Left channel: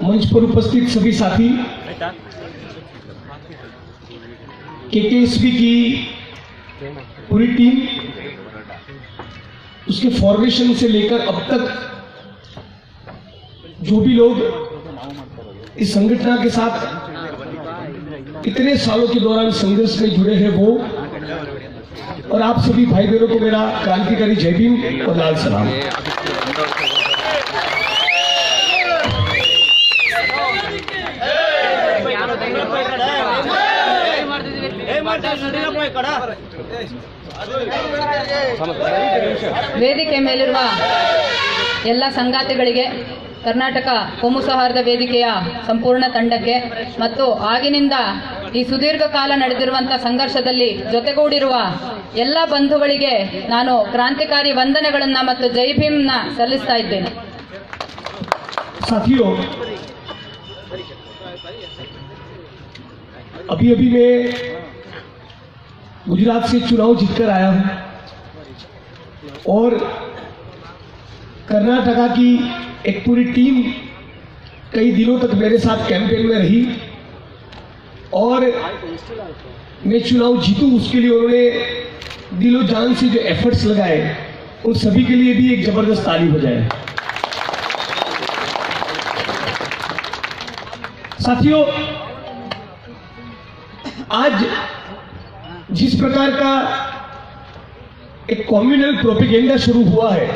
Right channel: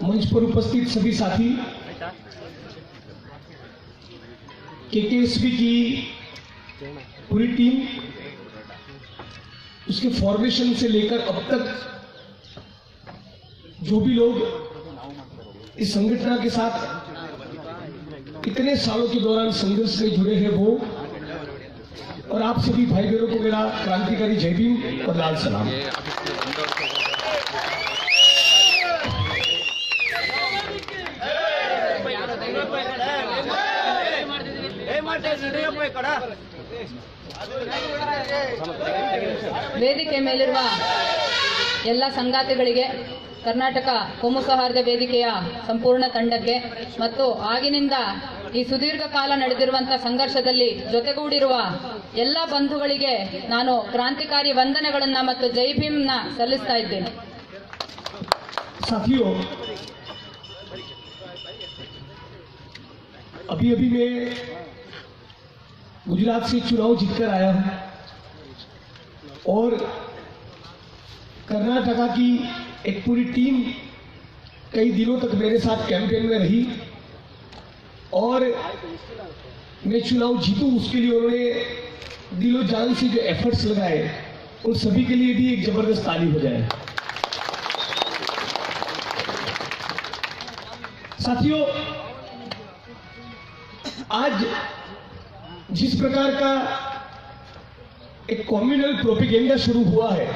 मंच पर उपस्थित सभी साथी, केकेएसपी की पूरी टीम, उसके फॉर्मेशन से लेकर अब तक जो भी लोग इस संगठन के साथ इतने सालों के दौरान संघर्ष में जुड़े हैं वो, और आप सभी भाई बहनों को मेरा क्रांतिकारी जय भीम और लाल सलाम। ವೇದಿಕೆ ಮೇಲಿರುವ ಎಲ್ಲ ಸಂಗಾತಿಗಳಿಗೆ, ಕರ್ನಾಟಕ ಕೋಮು ಸೌಹಾರ್ದ ವೇದಿಕೆಯ ಸಂಪೂರ್ಣ ತಂಡಕ್ಕೆ ಮತ್ತು ಆಗಿನಿಂದ ಈ ಸುದೀರ್ಘ ಕಾಲ ನಡೆದಿರುವಂತಹ ಸಂಘರ್ಷದಲ್ಲಿ ಜೊತೆಗೂಡಿರುವ ಎಲ್ಲ ಬಂಧುಗಳಿಗೆ ನಾನು ಕ್ರಾಂತಿಕಾರಿ ವಂದನೆಗಳನ್ನ ಮತ್ತು ಜೈ ಭೀಮ್ನ ಸಲ್ಲಿಸ್ತಾ ಇದ್ದೇನೆ। साथियों, अभी अभी मैं गुजरात से चुनाव जीतकर आया हूं और कर्नाटका की एक पूरी टीम कई दिनों तक मेरे साथ कैंपेन में रही और मैं चुनाव जीतूं उसके लिए उन्होंने दिलो जान से जो एफर्ट्स लगाए, उन सभी के लिए भी एक जबरदस्त ताली हो जाए। साथियों, आज जिस प्रकार का एक कम्युनल प्रोपेगेंडा शुरू हुआ है,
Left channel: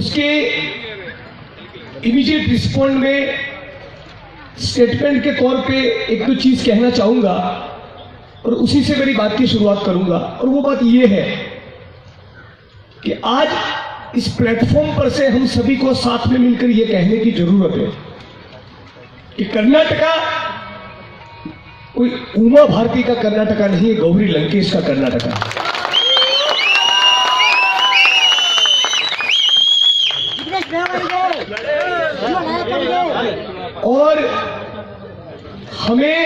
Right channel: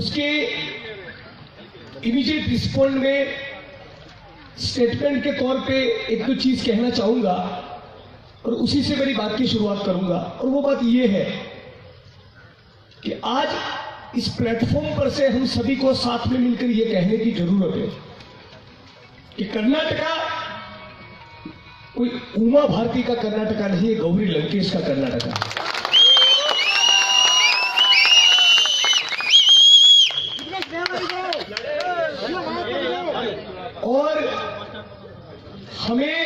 उसके इमीडिएट रिस्पॉन्ड में स्टेटमेंट के तौर पे एक दो चीज कहना चाहूंगा और उसी से मेरी बात की शुरुआत करूंगा। और वो बात ये है कि आज इस प्लेटफॉर्म पर से हम सभी को साथ में मिलकर ये कहने की जरूरत है कि कर्नाटका कोई उमा भारती का कर्नाटका नहीं है, गौरी लंकेश का कर्नाटका। और हमें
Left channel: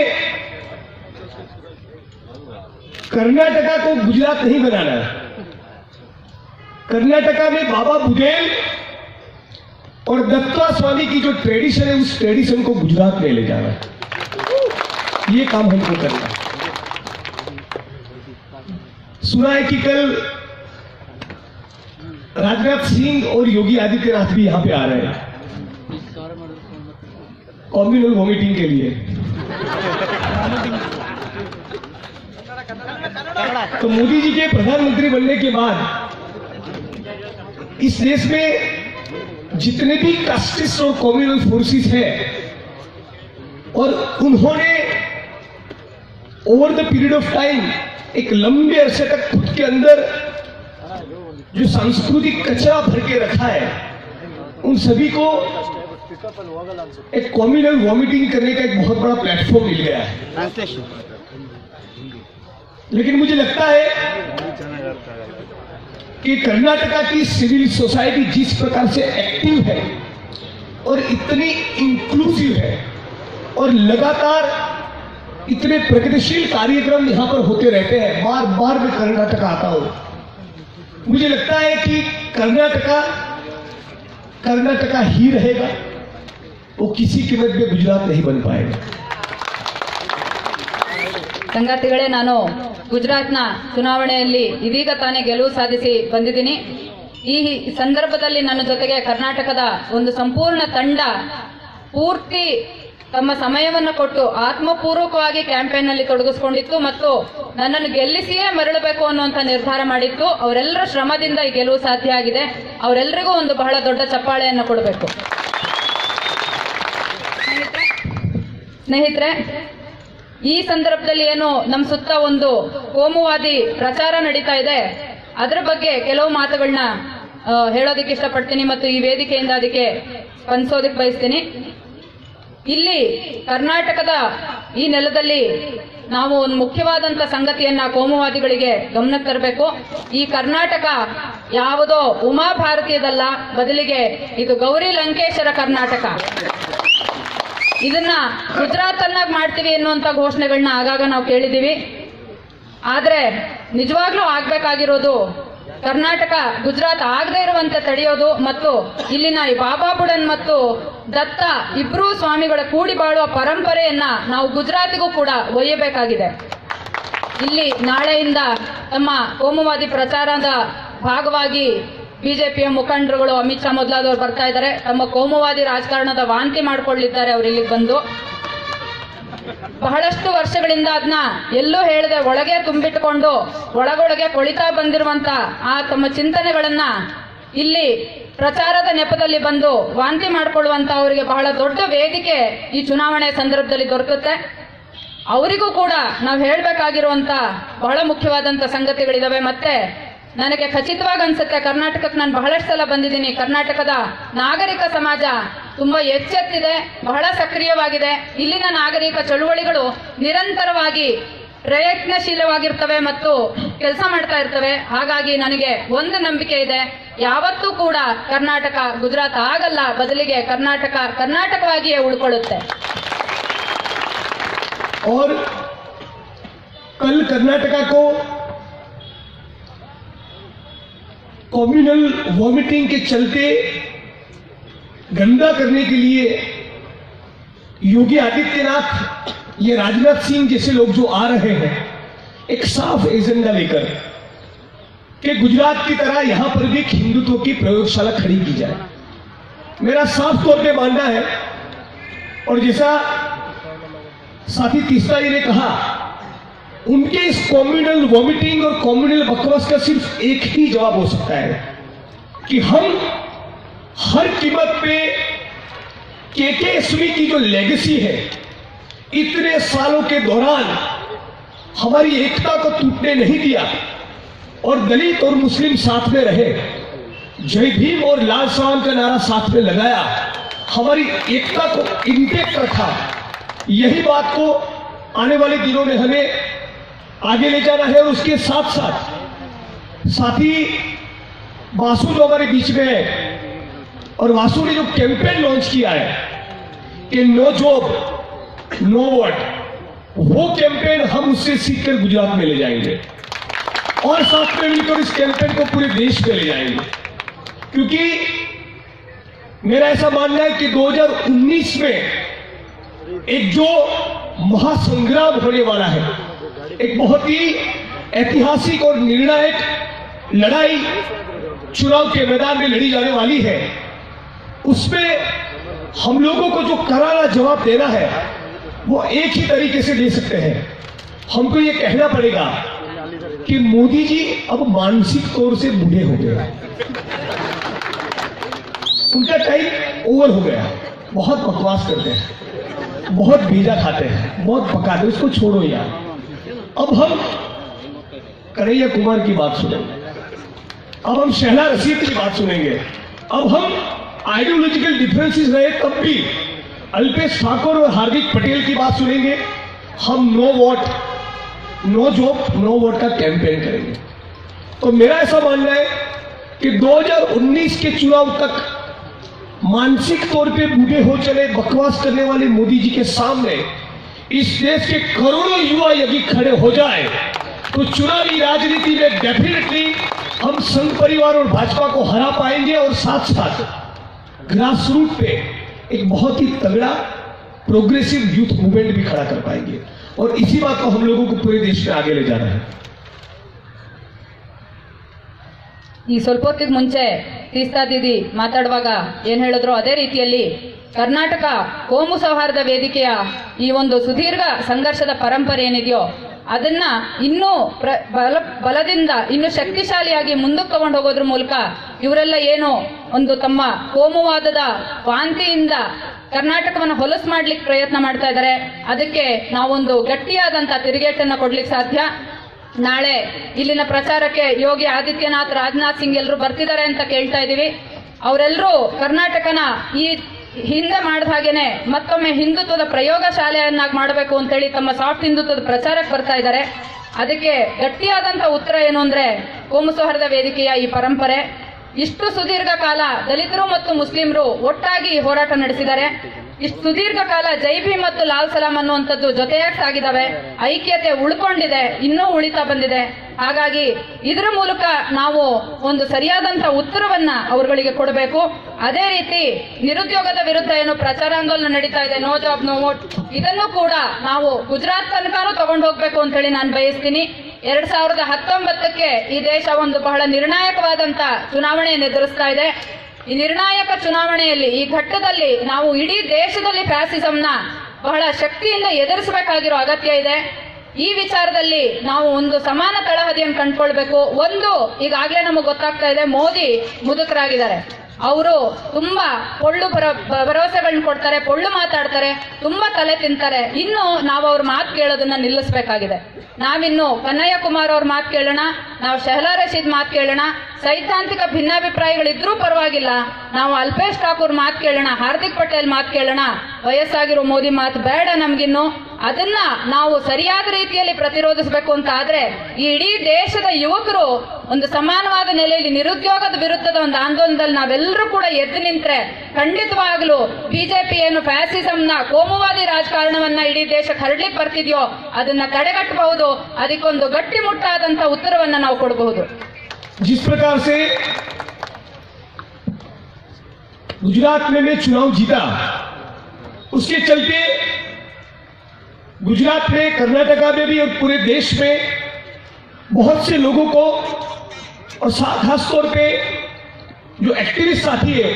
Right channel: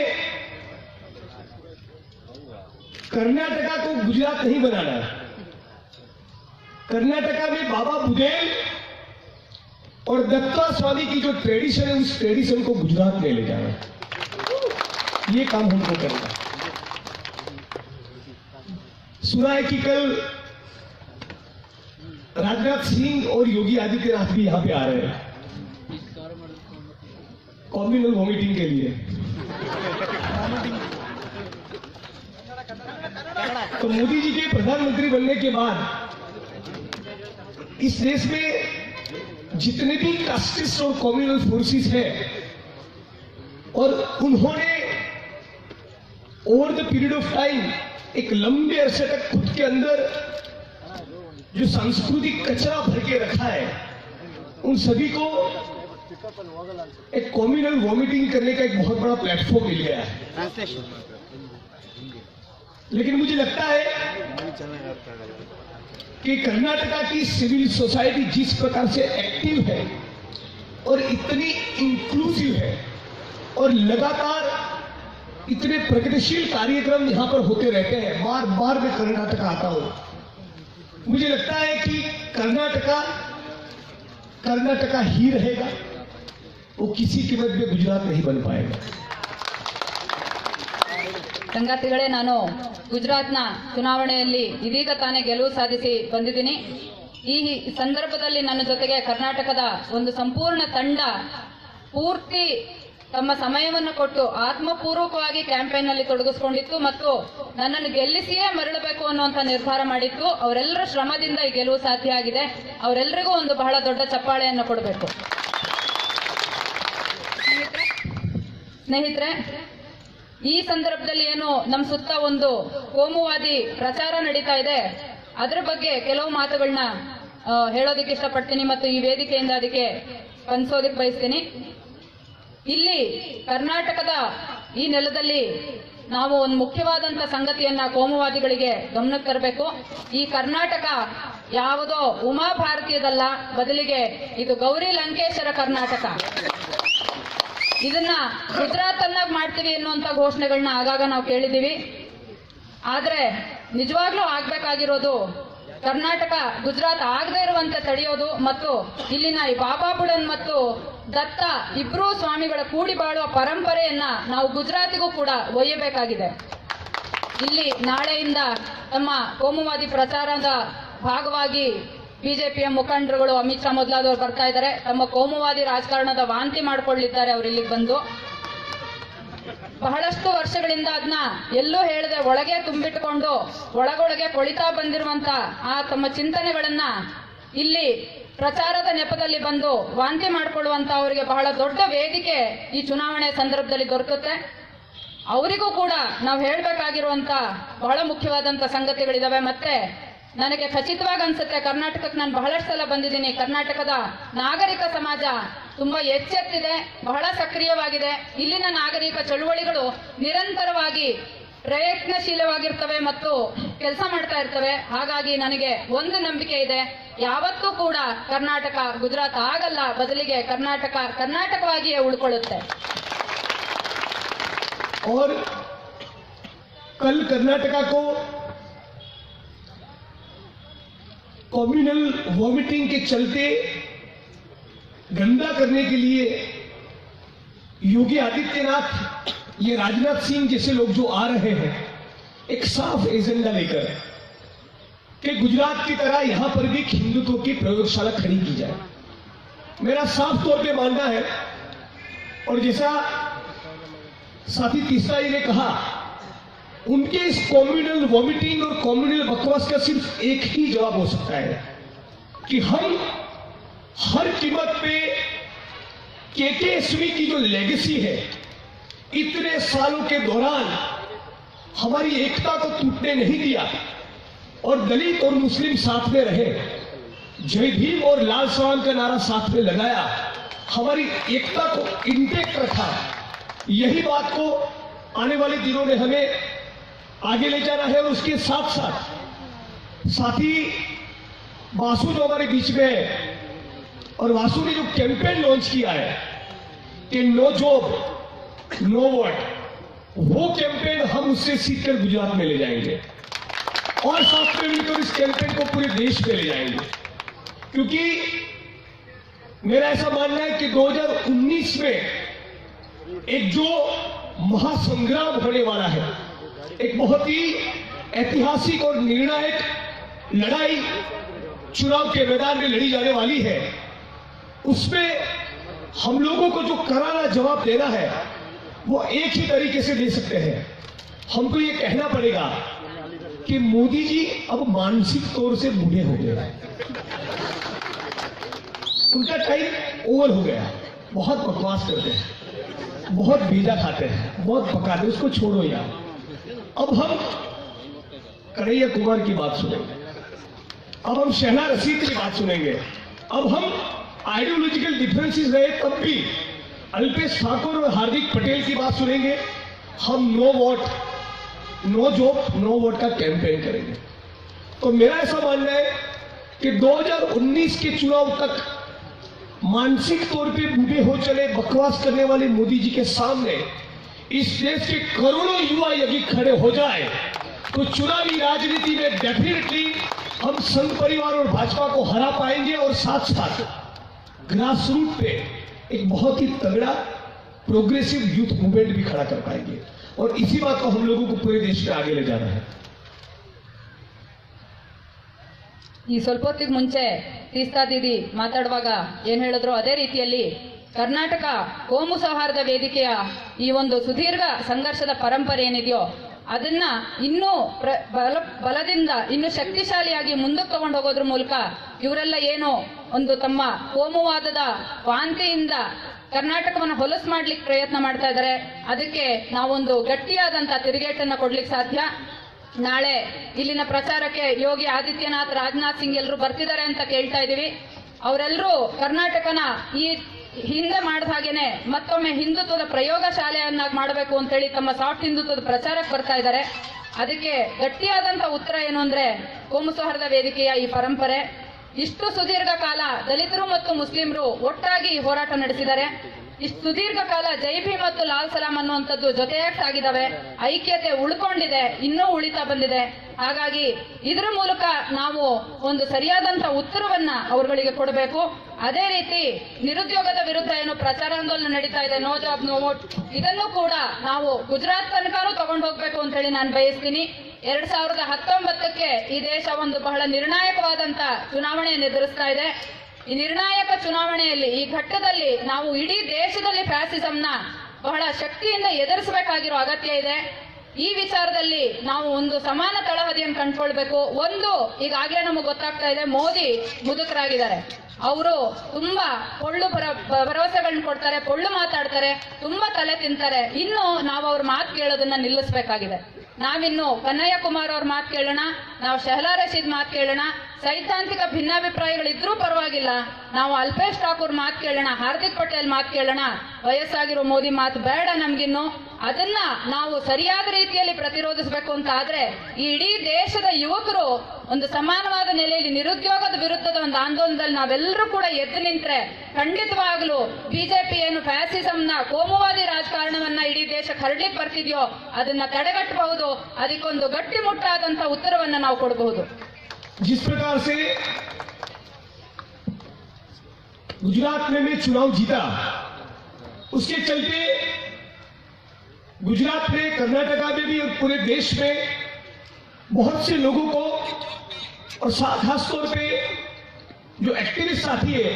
कर्नाटका को गुजरात नहीं बनाना है। कर्नाटका में बाबा बुदेल और दत्ता स्वामी की जो ट्रेडिशन है, उस ट्रेडिशन को गुजरात में ले जाना है। ये काम हमको करना है। सुना है कि कल राजनाथ सिंह और योगी आदित्यनाथ भी यहां पे आ रहे हैं कम्युनल वॉमिटिंग के लिए। तो मोदी जी के प्रधानमंत्री बनने के बाद इस देश में जितने भी कास्टिस्ट और कम्युनल फोर्सेस हैं, और उन्होंने over the period of time एक लंबे अरसे तक खुद के अंदर जो सांस्कृतिक कचरा भर के रखा है, उन सभी को एक कम्युनल वॉमिटिंग करने का एक बहुत बड़ा प्लेटफॉर्म मिल गया है। लेकिन मुझे लगता है कि कर्नाटका की सिविल सोसाइटी जिस प्रकार से एक्टिव है और इतनी इंक्लूसिव है और लगातार इतने प्रगतिशील कार्यक्रम यहां पर होते रहते हैं, बार बार मैं कर्नाटका आता हूं, मुझे लगता है कि कर्नाटका ही रहेगा, वो किसी कीमत में गुजरात नहीं बन पाएगा। ಸಂಗಾತಿಗಳೇ, ನಾನು ಗುಜರಾತ್ನ ಚುನಾವಣೆಯಲ್ಲಿ ಇದೀಗ ತಾನೇ ಗೆಲುವು ಸಾಧಿಸಿ ಬಂದಿದ್ದೀನಿ। ಈ ಸಂದರ್ಭದಲ್ಲಿ ನನ್ನ ಜೊತೆಗೆ ಕರ್ನಾಟಕದ ಒಂದು ಸಂಪೂರ್ಣ ತಂಡ ಪೂರ್ತಿ ತಮ್ಮ ಸಮಯವನ್ನು ಕೊಟ್ಟು ಆತ್ಮಪೂರ್ವಕವಾಗಿ ಕ್ಯಾಂಪೇನ್ ನಲ್ಲಿ ತೊಡಗಿಸಿಕೊಂಡಿತ್ತು ಮತ್ತು ನನ್ನನ್ನು ಗೆಲ್ಲಿಸಿಯೇ ಮರಳಬೇಕು ಅನ್ನುವಂತ ನಿರ್ಧಾರ ಮಾಡಿತ್ತು। ಅವರೆಲ್ಲರ ಶ್ರಮದಿಂದ ಈ ಗೆಲುವು ಸಾಧ್ಯ ಆಗಿದೆ। ಅವರೆಲ್ಲರಿಗೂ ಒಂದು ಬಹಳ ದೊಡ್ಡ ಚಪ್ಪಾಳೆಯನ್ನು ಕೊಡಬೇಕು। ಸ್ನೇಹಿತರೆ, ಈ ಸಂದರ್ಭದಲ್ಲಿ ಏನು ನಮ್ಮ ಸುತ್ತ ಒಂದು ಕೋಮುವಾದಿ ಪ್ರಚಾರ ನಡೀತಾ ಇದೆ, ಅದರ ಬಗ್ಗೆ ಕೆಲವು ಮಾತುಗಳನ್ನ ಹೇಳೋದಕ್ಕೆ ಇಷ್ಟಪಡ್ತೀನಿ ಮತ್ತು ಈ ವೇದಿಕೆಯಿಂದ ಅದಕ್ಕೆ ಸ್ಪಂದಿಸೋದಕ್ಕೆ ಬಯಸ್ತೀನಿ। ಇಲ್ಲಿ ಕರ್ನಾಟಕದ ಈ ನೆಲದಲ್ಲಿ ನಾವು ಒಂದು ಮುಖ್ಯವಾದಂತ ಸಂಗತಿಯನ್ನ ಕೋಮುವಾದಿಗಳಿಗೆ ಗಮನಕ್ಕೆ ತರಬೇಕು। ಈ ಕರ್ನಾಟಕ ಯಾವುದೋ ಉಮಾ ಭಾರತೀಯದಲ್ಲ, ಬದಲಿಗೆ ಇದು ಗೌರಿ ಲಂಕೇಶರ ಕರ್ನಾಟಕ। ಇದನ್ನ ಗುಜರಾತ್ ಅನ್ನಾಗಿ ಮಾಡ್ತೀವಿ ಎನ್ನುವಂತ ಘೋಷಣೆಗಳನ್ನ ಆಗಾಗ ನಾವು ಕೇಳಿದೀವಿ। ಆದ್ರೆ ನಿಜವಾಗ್ಲೂ ಆಗ್ಬೇಕಾಗಿರೋದು ಕರ್ನಾಟಕ ಗುಜರಾತ್ ಆಗದೆ ಇರುವಂತೆ ತಡೆಯೋದು ಮತ್ತು ಇಲ್ಲಿನ ಈ ಬಾಬಾ ಬುಡನ್ ಮತ್ತು ದತ್ತ ಇಬ್ರೂ ಸ್ವಾಮಿಗಳ ಕೂಡಿ ಬಾಳುವ ಪರಂಪರೆಯನ್ನ ನಾವು ಗುಜರಾತಿಗೂ ಕೂಡ ಒಯ್ಯಬೇಕಾಗಿದೆ. ಇಲ್ಲಿ ನಾಳೆಯಿಂದ ತಮ್ಮ ಕೋಮುವಾದಿ ಪ್ರಚಾರದ ಭಾಗವಾಗಿ ಬಿಜೆಪಿಯ ಮುಖಂಡರುಗಳು ಅಮಿತ್ ಶಾ ಮೊದಲಾದವರು ಬರ್ತಾ ಇದ್ದಾರೆ. ತಮ್ಮ ಕೋಮುವಾದಿ ರಾಜಕಾರಣದ ವಾಂತಿ ಮಾಡಿಕೊಳ್ಳಿದ್ದಾರೆ ಅವರು ಇಲ್ಲಿಗೆ ಬಂದು. ಬಹಳಷ್ಟು ವರ್ಷಗಳಿಂದ ಅದನ್ನ ಎಲ್ಲೂ ಹೇಳದೆ ಒಳಗೆ ತುಂಬಿಟ್ಟುಕೊಂಡು ಒಳಗೊಳಗೆ ಕೊಳಿತಾ ಬಂದಿರುವಂತ ಆ ತಮ್ಮ ಚಿಂತನೆಗಳನ್ನ ಇಲ್ಲಿ ಪ್ರಚಾರದ ನೆಪದಲ್ಲಿ ಬಂದು ವಾಂತಿ ಮಾಡಿಕೊಳ್ಳುವಂತ ಅವರಿಗೆ ಬಹಳ ದೊಡ್ಡ ವೇದಿಕೆ ಈ ಚುನಾವಣೆ ಸಂದರ್ಭದಲ್ಲಿ ದೊರಕುತ್ತೆ. ಅವರಿಗೂ ಕೂಡ ನಾವು ಹೇಳಬೇಕಾಗಿರುವಂತ ಬಹಳ ಮುಖ್ಯವಾದಂತ ಸಂಗತಿಗಳಿದಾವೆ. ಮತ್ತೆ ನನಗೆ ಖಚಿತವಾಗಿ ಅನ್ಸುತ್ತೆ, ಕರ್ನಾಟಕಕ್ಕೆ ನಾನು ಬಹಳಷ್ಟು ಸಲ ಬಂದಿದ್ದೀನಿ, ಕರ್ನಾಟಕದ ನಾಗರಿಕ ಸಮಾಜ ತುಂಬಾ ಎಚ್ಚೆತ್ತಿದೆ, ಬಹಳ ಸಕ್ರಿಯವಾಗಿದೆ. ಇಲ್ಲಿನ ನಾಗರಿಕ ಚಳುವಳಿಗಳು ನಿರಂತರವಾಗಿ ಪ್ರಯತ್ನಶೀಲವಾಗಿರ್ತವೆ ಮತ್ತು ಕೆಲಸ ಮಾಡ್ತಾ ಇರ್ತವೆ. ಹಾಗಾಗಿ ನನಗೆ ಒಂದು ನಂಬಿಕೆ ಇದೆ, ಯಾವತ್ತೂ ಕೂಡ ಕರ್ನಾಟಕ ಗುಜರಾತ್ ಆಗಲ್ಲ, ಬದಲಿಗೆ ಕರ್ನಾಟಕ ಕರ್ನಾಟಕವಾಗಿಯೇ ಉಳ್ಕೊಳ್ಳುತ್ತೆ. और कल कर्नाटका को कम्युनल वॉमिटिंग के चलते गंदा करने के लिए योगी आदित्यनाथ, ये राजनाथ सिंह जैसे लोग जो आ रहे हैं एक साफ एजेंडा लेकर कि गुजरात की तरह यहां पर भी हिंदुत्व की प्रयोगशाला खड़ी की जाए। मेरा साफ तौर पे मानना है, और जैसा साथी तीसरा जी ने कहा, उनके इस कम्युनल वॉमिटिंग और कम्युनल बकवास का सिर्फ एक ही जवाब हो सकता है कि हम हर कीमत पे केकेएसवी की जो लेगेसी है, इतने सालों के दौरान हमारी एकता को टूटने नहीं दिया और दलित और मुस्लिम साथ में रहे, जय भीम और लाल सलाम का नारा साथ में लगाया, हमारी एकता को इंटेक्ट रखा। यही बात को आने वाले दिनों में हमें आगे ले जाना है। और उसके साथ साथ साथी वासु जो हमारे बीच में है, और वासु ने जो कैंपेन लॉन्च किया है कि नो जॉब नो वर्क, वो कैंपेन हम उससे सीखकर गुजरात में ले जाएंगे और साथ में मिलकर इस कैंपेन को पूरे देश में ले जाएंगे। क्योंकि मेरा ऐसा मानना है कि 2019 में एक जो महासंग्राम होने वाला है, एक बहुत ही ऐतिहासिक और निर्णायक लड़ाई चुनाव के मैदान में लड़ी जाने वाली है, उसमें हम लोगों को जो करारा जवाब देना है वो एक ही तरीके से दे सकते हैं। हमको ये कहना पड़ेगा कि मोदी जी अब मानसिक तौर से बूढ़े हो गए, उनका टाइम ओवर हो गया, बहुत बकवास करते हैं, बहुत भेजा खाते हैं, बहुत पकाते, उसको छोड़ो यार। अब हम कन्हैया कुमार की बात सुनेंगे, अब हम शहला रशीद की बात सुनेंगे, अब हम आइडियोलॉजिकल डिफरेंसेस रहे तब भी अल्पेश ठाकुर और हार्दिक पटेल की बात सुनेंगे। हम no vote no job no vote का कैंपेन करेंगे। तो मेरा ऐसा मानना है कि 2019 के चुनाव तक मानसिक तौर पे बूढ़े हो चले बकवास करने वाले मोदी जी के सामने इस देश के करोड़ों युवा यदि खड़े हो जाए तो चुनावी राजनीति में डेफिनेटली हम संघ परिवार और भाजपा को हरा पाएंगे और साथ साथ ग्रास रूट पे एक बहुत ही तगड़ा प्रोग्रेसिव यूथ मूवमेंट भी खड़ा कर पाएंगे। और इसी बात को हम लोगों को पूरे देश में आगे ले जाना है। ಈ ಸ್ವಲ್ಪ ಹೊತ್ತಿಗೆ ಮುಂಚೆ ತೀಸ್ತಾ ದೀದಿ ಮಾತಾಡುವಾಗ ಏನ್ ಹೇಳಿದ್ರು ಅದೇ ರೀತಿಯಲ್ಲಿ ಕರ್ನಾಟಕ ಕೋಮು ಸೌಹಾರ್ದ ವೇದಿಕೆಯ ಈ ಒಂದು ಸುದೀರ್ಘ ಸಂಘರ್ಷದ ಪರಂಪರೆ ಏನಿದೆಯೋ ಅದನ್ನ ಇನ್ನೂ ಬಲದಿಂದ ಇನ್ನು ಶಕ್ತಿಶಾಲಿಯಾಗಿ ಮುಂದಕ್ಕೆ ತಗೊಂಡು ಹೋಗೋದ್ರ ಮೂಲಕ ಇವರೆಲ್ಲ ಏನು ಒಂದು ತಮ್ಮ ಕೋಮುವಾದದ ವಾಂತಿಯಿಂದ ಕರ್ನಾಟಕವನ್ನು ಹೊಲಸು ಮಾಡ್ಲಿಕ್ಕೆ ಪ್ರಯತ್ನ ಮಾಡ್ತಾ ಇದ್ದಾರೆ, ಅದಕ್ಕೆ ನಾವೊಂದು ಗಟ್ಟಿಯಾದಂತ ತಿರುಗೇಟನ್ನ ಕೊಡ್ಲಿಕ್ಕೆ ಸಾಧ್ಯ. ನಾಳೆ ಇಲ್ಲಿನ ಪ್ರಚಾರಕ್ಕೆ ಯೋಗಿ ಆದಿತ್ಯನಾಥ್, ರಾಜನಾಥ್ ಸಿಂಗ್ ಎಲ್ಲರೂ ಬರ್ತಿದ್ದಾರೆ ಅಂತ ಕೇಳ್ತಾ ಇದೀವಿ. ಅವರೆಲ್ಲರೂ ಕರ್ನಾಟಕನ ಈ ಹಿಂದೆ ಮಾಡಿದ ಹಾಗೇನೆ ಮತ್ತೊಮ್ಮೆ ಹಿಂದುತ್ವದ ಪ್ರಯೋಗ ಶಾಲೆಯನ್ನಾಗಿ ಮಾಡಬೇಕು ಅಂತೇಳಿ ತಮ್ಮ ಸಾಫ್ಟ್ ಹಿಂದುತ್ವದ ಪ್ರಚಾರಕ್ಕೆ ಬರ್ತಾ ಇದ್ದಾರೆ. ಅದಕ್ಕೆ ಗಟ್ಟಿಯಾದಂತ ಉತ್ತರ ಏನು ಅಂದ್ರೆ ಕೋಮು ಸೌಹಾರ್ದ ವೇದಿಕೆಯ ಈ ಪರಂಪರೆ. ಇಷ್ಟು ಸುದೀರ್ಘ ಕಾಲ ದಲಿತರು ಮತ್ತು ಮುಸ್ಲಿಮರು ಒಟ್ಟಾಗಿ ಹೋರಾಟ ನಡೆಸಿದ್ದಾರೆ. ಇಷ್ಟು ಸುದೀರ್ಘ ಕಾಲ ಜೈ ಭೀಮ್ ಮತ್ತು ಲಾಲ್ ಸಲಾಂ ಅನ್ನುವಂಥದ್ದು ಜೊತೆಯಾಗಿ ಸಾಗಿದಾವೆ. ಐಕ್ಯತೆ ಉಳ್ಕೊಂಡಿದೆ, ಇನ್ನೂ ಉಳಿತಾ ಬಂದಿದೆ. ಹಾಗಾಗಿ ಇದರ ಮೂಲಕ ನಾವು ಒಂದು ಸರಿಯಾದಂತಹ ಉತ್ತರವನ್ನ ಅವರುಗಳಿಗೆ ಕೊಡಬೇಕು. ಅದೇ ರೀತಿ ನಿರುದ್ಯೋಗದ ವಿರುದ್ಧ ಏನು ಪ್ರಚಾರಾಂದೋಲನ ನಡೀತಾ ಇದೆ, ನೋ ಜಾಬ್ ನೋ ವೋಟ್, ಇದನ್ನು ಕೂಡ ನಾವು ಗುಜರಾತ್ ತನಕನೂ ತಗೊಂಡು ಹೋಗ್ಬೇಕು ಅಂತ ಹೇಳಿ ನಾನು ಬಯಸ್ತೀನಿ. 2019ಕ್ಕೆ ಈ ದೇಶ ಒಂದು ಬಹಳ ನಿರ್ಣಾಯಕವಾದಂತ ಚುನಾವಣೆಯನ್ನು ಎದುರಿಸ್ತಾ ಇದೆ. ಈ ನಿರ್ಣಾಯಕ ಚುನಾವಣೆಯಲ್ಲಿ ಈ ಘಟ್ಟದಲ್ಲಿ ನಾವು ಇಡೀ ದೇಶದಲ್ಲಿ ಫ್ಯಾಸಿಸಂನ ಬಹಳ ಶಕ್ತಿಯಿಂದ ಎದುರಿಸಬೇಕಾಗಿರೋ ಅಗತ್ಯ ಇದೆ. ಈ ವಿಚಾರದಲ್ಲಿ ನಾವು ಒಂದು ಸಮಾನ ತಳಹದಿಯನ್ನು ಕಂಡುಕೊಳ್ಬೇಕು. ಒಂದು, ಈಗಾಗಲೇ ನಮಗೆ ಗೊತ್ತಾಗ್ತಾ ಇದೆ, ಮೋದಿ ಮುದುಕರಾಗಿದ್ದಾರೆ. ಅವರು ತುಂಬಾ ಪೊಳ್ಳು ಭರವಸೆಗಳನ್ನ ಕೊಡ್ತಾರೆ, ಪೊಳ್ಳು ಮಾತಾಡ್ತಾರೆ, ತುಂಬಾ ತಲೆ ತಿಂತಾರೆ. ಇನ್ನು ನಾವು ಅವ್ರ ಮಾತು ಕೇಳೋದನ್ನ ನಿಲ್ಲಿಸಬೇಕಾಗಿದೆ. ನಾವಿನ್ನು ಕನ್ನಯ್ಯ ಕುಮಾರ್ ಅವ್ರ ಮಾತು ಕೇಳೋಣ, ನಾವು ಶಹಲಾ ರಶೀದ್ ಮಾತು ಕೇಳೋಣ. ಸೈದ್ಧಾಂತಿಕ ಭಿನ್ನಾಭಿಪ್ರಾಯಗಳಿದ್ರೂ ಪರವಾಗಿಲ್ಲ, ನಾವು ಅಲ್ಪೇಶ್ ಠಾಕೂರ್ ಮಾತು ಕೇಳೋಣ, ಹಾರ್ದಿಕ್ ಪಟೇಲ್ ಮಾತು ಕೇಳೋಣ. ವಯಸ್ಸಾಗಿರೋ ಮೋದಿ ಮಾತು ಬೇಡ ನಮ್ಗಿನ್ನು. ಅದನ್ನ ನಾವು ಸರಿಯಾದ ರೀತಿಯಲ್ಲಿ ಪ್ರತಿರೋಧಿಸಬೇಕು ಅಂತ ಆದ್ರೆ ಈ ಇಡೀ ದೇಶದ ಯುವಕರು ಒಂದು ಸಮಾನವಾದ ನೆಲೆಯಲ್ಲಿ ನಿರುದ್ಯೋಗದ ವಿರುದ್ಧದ ಒಂದು ಆಂದೋಲನದಲ್ಲಿ ನಾವೆಲ್ಲರೂ ಕೂಡ ಎದ್ದು ನಿಂತ್ರೆ ಖಂಡಿತವಾಗ್ಲೂ ಬಿಜೆಪಿ ಏನು ಫ್ಯಾಸಿಸಂನ ಕೋಮುವಾದಿ ರಾಜಕಾರಣವನ್ನ ಇಡೀ ದೇಶಕ್ಕೆ ಹರಡ್ಲಿಕ್ಕೆ ಬರ್ತಿದ್ಯೋ ಅದನ್ನ ತಡೆಗಟ್ಟಬಹುದು. ಅದಕ್ಕೊಂದು ಗಟ್ಟಿಮುಟ್ಟಾದಂತ ಉತ್ತರವನ್ನ ನಾವು ಕೊಡಬಹುದು. जिस प्रकार से गुजरात में मैं चुनाव जीता, उसके चलते गुजरात में, कर्नाटका में भी और पूरे देश में बहुत से लोगों को, और खास तौर पे जो एक्टिविस्ट साथी है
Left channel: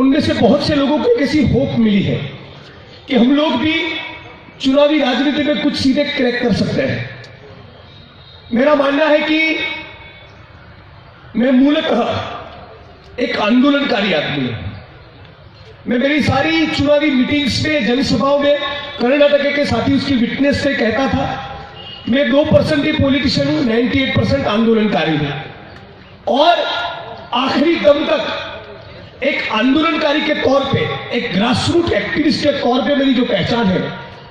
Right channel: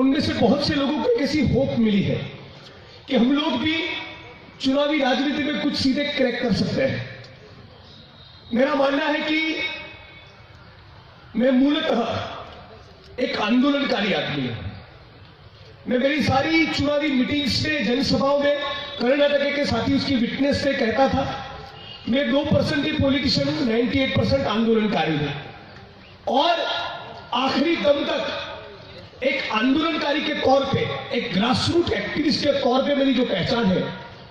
उनमें से बहुत से लोगों को एक ऐसी होप मिली है कि हम लोग भी चुनावी राजनीति में कुछ सीधे क्रैक कर सकते हैं. मेरा मानना है कि मैं मूलतः एक आंदोलनकारी आदमी हूं. मैं मेरी सारी चुनावी मीटिंग्स में, जनसभाओं में कर्नाटक के साथियों की विटनेस से कहता था, मैं 2% ही पॉलिटिशियन हूं, 98% आंदोलनकारी हूं. और आखिरी दम तक एक आंदोलनकारी के तौर पे, एक ग्रासरूट एक्टिविस्ट के तौर पे मेरी जो पहचान है,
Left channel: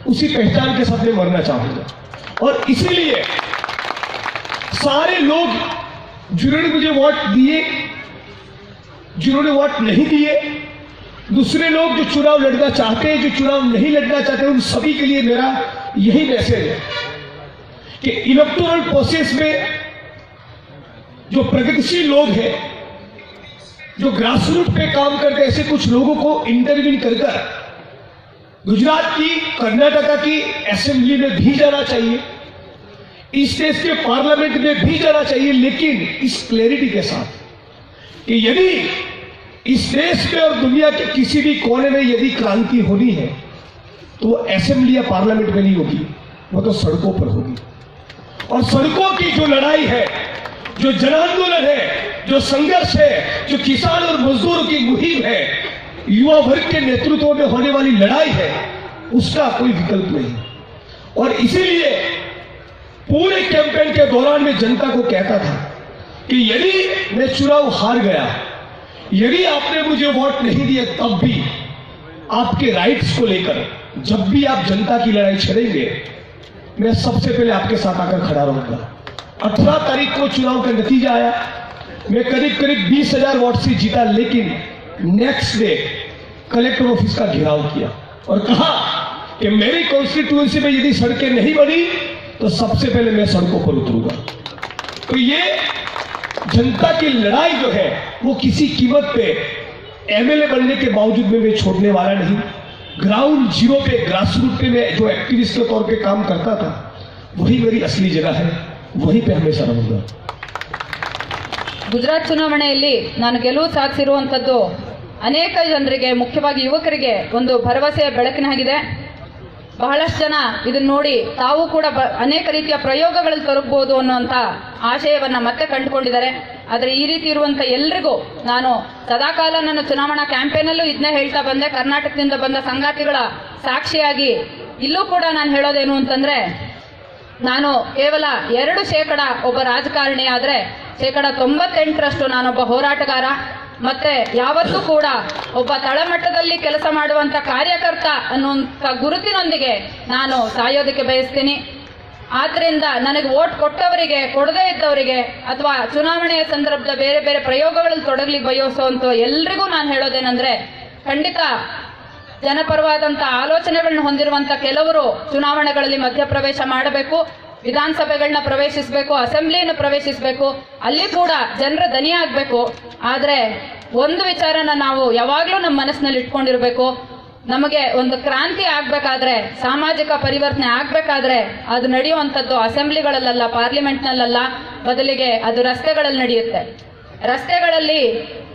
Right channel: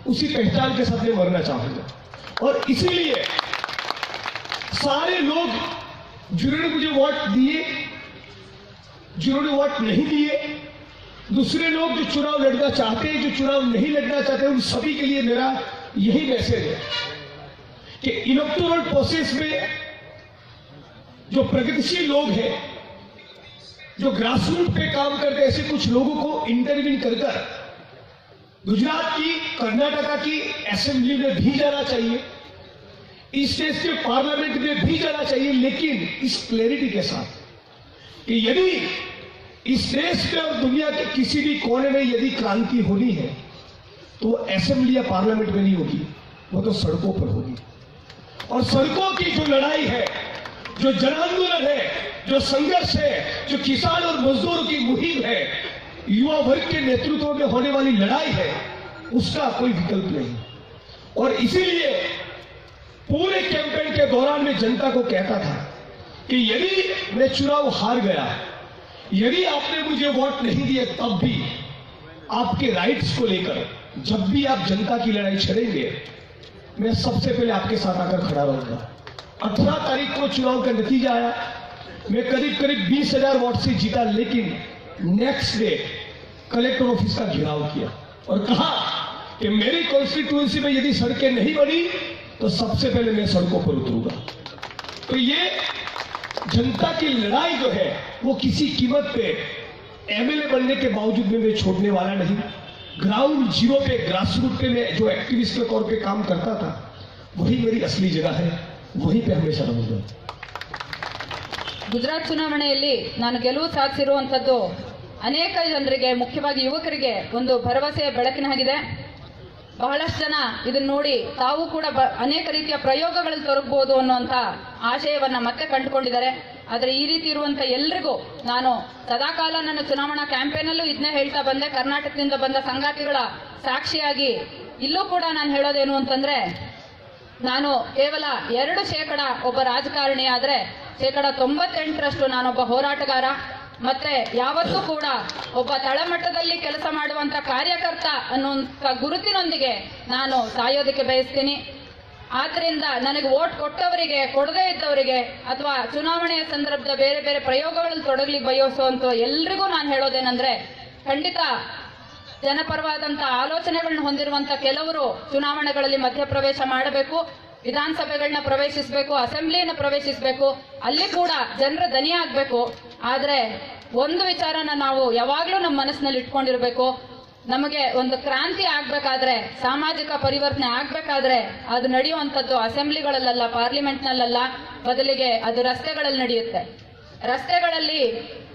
उसी पहचान के साथ मैं मरना चाहूंगा. और इसीलिए सारे लोग जिन्होंने मुझे वोट दिए, जिन्होंने वोट नहीं दिए, दूसरे लोग जो चुनाव लड़ना चाहते हैं, जो चुनाव नहीं लड़ना चाहते, उन सभी के लिए मेरा यही मैसेज है कि इलेक्टोरल प्रोसेस में जो प्रगतिशील लोग हैं, जो ग्रासरूट पे काम करते हैं, ऐसे कुछ लोगों को इंटरव्यू कर गुजरात की, कर्नाटका की असेंबली में भी जाना चाहिए, इस देश के पार्लियामेंट में भी जाना चाहिए, लेकिन इस क्लैरिटी के साथ कि यदि इस देश में और दुनिया के किसी भी कोने में यदि क्रांति होनी है तो वो असेंबली या पार्लियामेंट में नहीं होगी, वो तो सड़कों पर होगी. और सड़कों की जो लड़ाई है, जो जन आंदोलन है, जो संघर्ष है, जो किसान और मजदूरों की मुहिम है, युवा वर्ग के नेतृत्व में होने वाली लड़ाई है, उसका कोई विकल्प नहीं. और इसीलिए पूरे कैंपेन के दौरान मैं जनता को कहता था कि यदि मैं चुनाव हार गया, यदि आपने मुझे वोट नहीं दिया, तब भी आपके राइट्स को लेकर जब भी आप जनता की लड़ाई छेड़ेंगे, मैं सबसे पहले आपके साथ आकर खड़ा रहूंगा. 18 तारीख को चुनाव का नतीजा आया, मैं करीब 20,000 वोट से जीता, लेकिन नेक्स्ट डे कलेक्टर ऑफिस का घेराव किया और कहा कि मेरी कॉन्स्टिट्यूएंसी में यदि सड़कें नहीं बनी तो सबसे पहले मैं सड़कों पर उतरूंगा. तो ये जनता की लड़ाई जो है वो किसी कीमत पे एमएलए बनने के बावजूद में मैं छोड़ने वाला नहीं. ग्राउंड जीरो पे, ग्रासरूट पे मैं जो एक्टिविस्ट के तौर पे काम करता था, वही मेरी असली जगह है, वहीं पे हमेशा रहूंगा. ಗುಜರಾತ್ ಚುನಾವಣೆಯಲ್ಲಿ ನಾನು ಗೆಲುವು ಸಾಧಿಸಿರುವಂತದ್ದು ಅನೇಕ ಜನರಿಗೆ, ಮುಖ್ಯವಾಗಿ ಯುವಕರಿಗೆ ಒಂದು ಭರವಸೆಯ ಬೆಳಕಿನಾಗಿದೆ. ಬಹಳಷ್ಟು ಜನ ಇದನ್ನ ನೋಡಿ ತಾವು ಕೂಡ ಅನೇಕ ರೀತಿಯ ಪ್ರಯೋಗಗಳಲ್ಲಿ ತೊಡಗಬಹುದು ಅನ್ನುವಂತ ಆಶಯವನ್ನ ಮತ್ತೆ ಕಂಡುಕೊಂಡಿದ್ದಾರೆ. ಆದರೆ ಈ ರೀತಿ ಇರುವಂತ ಎಲ್ರಿಗೂ ನಾನು ಸದಾಕಾಲ ನನ್ನ ಚುನಾವಣಾ ಕ್ಯಾಂಪೇನಲ್ಲೂ ಇದನ್ನ ಹೇಳ್ತಾ ಬಂದೆ. ಕರ್ನಾಟಕದಿಂದ ಬಂದ ಸಂಗಾತಿಗಳ ಸಾಕ್ಷಿಯಾಗಿ ಇಲ್ಲೂ ಕೂಡ ನಾನು ಹೇಳೋದೇನು ಅಂತಂದ್ರೆ, ನಾನು ಕೇವಲ 2% ಒಬ್ಬ ರಾಜಕಾರಣಿ ಆದ್ರೆ 98% ನಾನೊಬ್ಬ ಹೋರಾಟಗಾರ. ಮತ್ತೆ ಯಾವತ್ತೂ ಕೂಡ ಒಬ್ಬ ತಳಮಟ್ಟದಲ್ಲಿ ಕೆಲಸ ಮಾಡುವಂತ ಕಾರ್ಯಕರ್ತ ಅನ್ನುವಂತ ಗುರುತಿನೊಂದಿಗೆ ನಾನು ಸಾಯೋದಕ್ಕೆ ಬಯಸ್ತೀನಿ. ಆದ್ರಿಂದ ನನಗೆ ವೋಟ್ ಕೊಟ್ಟವರಿಗೆ, ಕೊಡದೇ ಇದ್ದವರಿಗೆ, ಅಥವಾ ಚುನಾವಣೆಯ ಸಂದರ್ಭದ ಬೇರೆ ಬೇರೆ ಪ್ರಯೋಗಗಳಲ್ಲಿ ತೊಡಗಲಿಕ್ಕೆ ಬಯಸುವಂತ ಎಲ್ರಿಗೂ ನಾನು ಹೇಳೋದೇನೆಂದ್ರೆ, ಖಂಡಿತ ಜನಪರವಾದಂತಹ ಆಲೋಚನೆಗಳನ್ನ ಹೊಂದಿರುವಂತ ಕೆಲವರು ಚುನಾವಣೆಗಳಲ್ಲಿ ಮಧ್ಯಪ್ರವೇಶ ಮಾಡಬೇಕು, ವಿಧಾನಸಭೆಗಳನ್ನ ಪ್ರವೇಶಿಸಬೇಕು, ಅಸೆಂಬ್ಲಿಯನ್ನು ಪ್ರವೇಶಿಸಬೇಕು, ಅಲ್ಲಿ ಕೂಡ ಜನರ ದನಿ ಆಗ್ಬೇಕು. ಆದ್ರೆ ಒಂದು ವಿಚಾರನ ನಾವು ಯಾವಾಗ್ಲೂ ನಮ್ಮ ಮನಸ್ಸಿನಲ್ಲಿ ಇಟ್ಕೊಂಡಿರ್ಬೇಕು, ನಮಗೆ ಒಂದು ಕ್ರಾಂತಿ ಆಗ್ಬೇಕಾದ್ರೆ, ಸಾಮಾಜಿಕ ಪರಿವರ್ತನೆ ಆಗ್ಬೇಕಾದ್ರೆ ಅದು ನಡೆಯುವಂಥದ್ದು ಅಸೆಂಬ್ಲಿಗಳಲ್ಲ, ಪಾರ್ಲಿಮೆಂಟ್ನಲ್ಲ, ಬದಲಿಗೆ ಅದು ರಸ್ತೆಗಳಲ್ಲಿ ನಡೆಯುತ್ತೆ. ರಸ್ತೆಗಳಲ್ಲಿ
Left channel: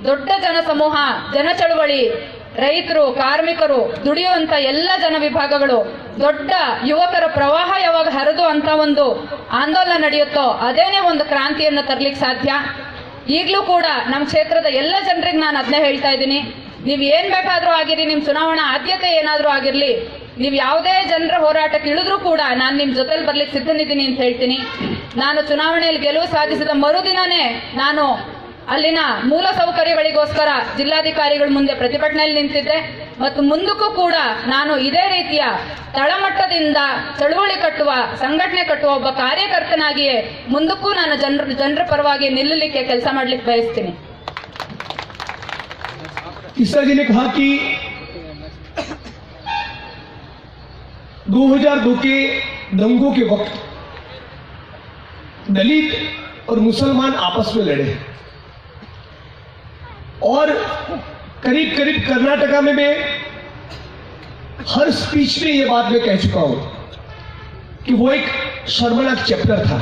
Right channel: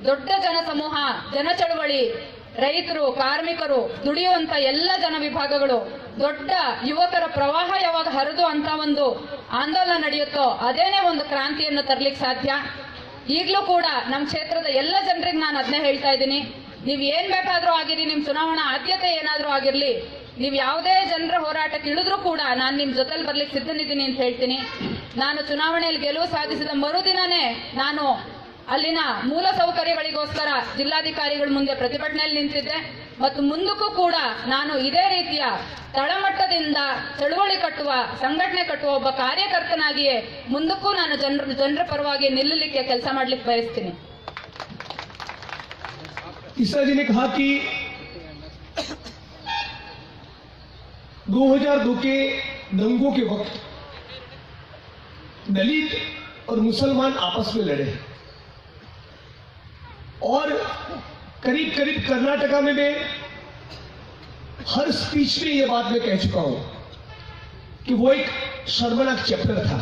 ದೊಡ್ಡ ಜನಸಮೂಹ, ಜನ ಚಳವಳಿ, ರೈತರು, ಕಾರ್ಮಿಕರು, ದುಡಿಯುವಂತ ಎಲ್ಲ ಜನ ವಿಭಾಗಗಳು, ದೊಡ್ಡ ಯುವಕರ ಪ್ರವಾಹ ಯಾವಾಗ ಹರಿದು ಅಂತ ಒಂದು ಆಂದೋಲನ ನಡೆಯುತ್ತೋ ಅದೇನೇ ಒಂದು ಕ್ರಾಂತಿಯನ್ನು ತರ್ಲಿಕ್ಕೆ ಸಾಧ್ಯ. ಈಗಲೂ ಕೂಡ ನಮ್ಮ ಕ್ಷೇತ್ರದ ಎಲ್ಲ ಜನರಿಗೆ ನಾನು ಅದನ್ನೇ ಹೇಳ್ತಾ ಇದ್ದೀನಿ, ನೀವು ಏನ್ ಬೇಕಾದ್ರೂ ಆಗಿರಿ, ನಿಮ್ ಚುನಾವಣಾ ಆದ್ಯತೆ ಏನಾದ್ರೂ ಆಗಿರ್ಲಿ, ನೀವು ಯಾವುದೇ ಜನರ ಹೋರಾಟಕ್ಕೆ ಇಳಿದ್ರೂ ಕೂಡ ನಾನು ನಿಮ್ ಜೊತೆಲಿ ಬರ್ಲಿಕ್ಕೆ ಸಿದ್ಧನಿದ್ದೀನಿ ಅಂತ ಹೇಳ್ತೀನಿ. ನಾನು ಚುನಾವಣೆಯಲ್ಲಿ ಗೆಲುವು ಸಾಧಿಸಿದ ಮರುದಿನನೇ ನಾನು ಅಲ್ಲಿನ ಮೂಲ ಸೌಕರ್ಯಗಳಿಗೋಸ್ಕರ ಜಿಲ್ಲಾಧಿಕಾರಿಗಳ ಮುಂದೆ ಪ್ರತಿಭಟನೆಯಲ್ಲಿ ನಿಂತಿದ್ದೆ ಮತ್ತು ಮುಂದಕ್ಕೂ ಕೂಡ ನಾನು ಇದೇ ರೀತಿಯ ತಳಮಟ್ಟದಿಂದ ಚಳುವಳಿ ಕಟ್ಟುವ, ಸಂಘಟನೆ ಕಟ್ಟುವ ಒಬ್ಬ ಕಾರ್ಯಕರ್ತನಾಗಿಯೇ ಮುಂದಕ್ಕೂ ನಾನು ಜನರ ಪರವಾಗಿ ನಿಲ್ಲಲಿಕ್ಕೆ ಕೆಲಸ ಮಾಡ್ಲಿಕ್ಕೆ ಬಯಸ್ತೀನಿ. ईसा जी ने कहा कि 2002 के दंगों के वक्त दलित और मुसलमान आपस में लड़े और करीब करीब कर्नाटका में मैं हर स्पीच में यह बात मैं कह चुका हूं कि वो एक शर्मनाक चैप्टर था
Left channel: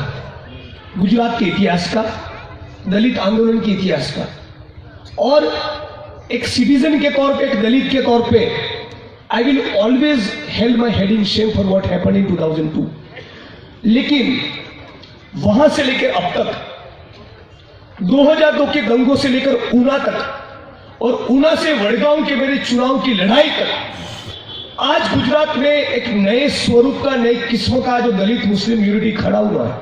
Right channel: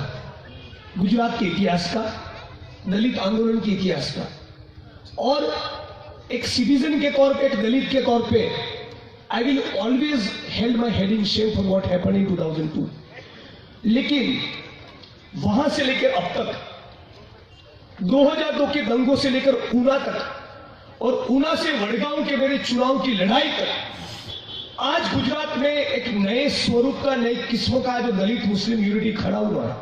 गुजरात के इतिहास का, दलित आंदोलन के इतिहास का। और एक सिटीजन के तौर पे, एक दलित के तौर पे, I will always held my head in Shem for what happened in 2002। लेकिन वहां से लेकर अब तक 2002 के दंगों से लेकर ऊना तक और ऊना से वडगांव के मेरे चुनाव की लड़ाई तक आज गुजरात में एक नए स्वरूप का, नई किस्म का जो दलित मुस्लिम यूनिटी खड़ा हुआ है,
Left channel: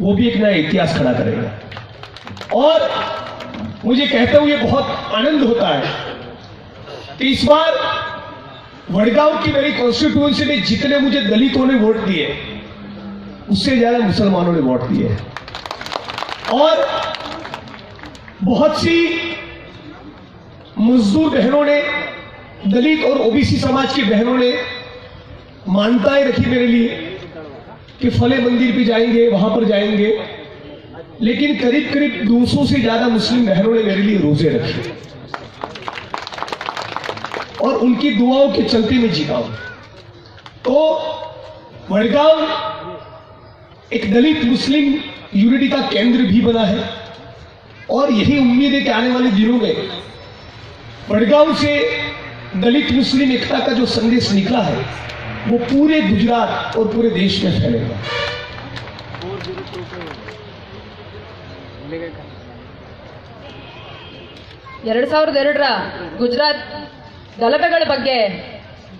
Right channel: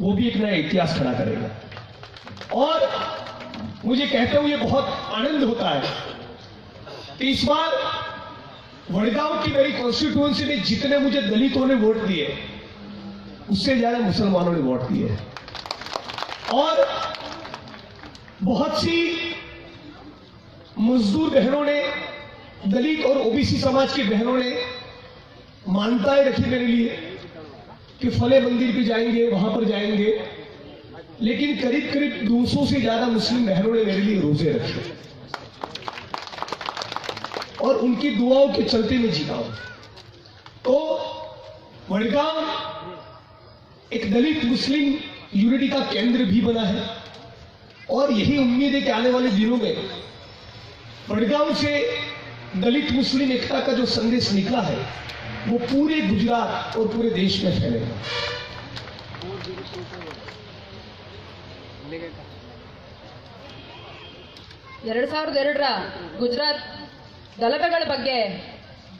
वो भी एक नया इतिहास खड़ा करेगा। और मुझे कहते हुए बहुत आनंद होता है कि इस बार वडगांव की मेरी कॉन्स्टिट्यूएंसी में जितने मुझे दलितों ने वोट दिए उससे ज्यादा मुसलमानों ने वोट दिए और बहुत सी मजदूर बहनों ने, दलित और ओबीसी समाज की बहनों ने मान्यताएं रखी मेरे लिए कि फले मंदिर पे जाएंगे, वहां पर जाएंगे। लेकिन करीब करीब 200 से ज्यादा मुस्लिम बहनों ने मेरे लिए रोजे रखे और उनकी दुआओं के चलते मैं जीता हूं। तो वडगांव एक दलित मुस्लिम यूनिटी का केंद्र भी बना है और यही उम्मीद है कि आने वाले दिनों में वडगांव से दलित मुस्लिम एकता का जो संदेश निकला है वो पूरे गुजरात और पूरे देश में फैलेगा। 2002ರ ಗುಜರಾತ್ ಗಲಭೆಗಳ ಬಗ್ಗೆ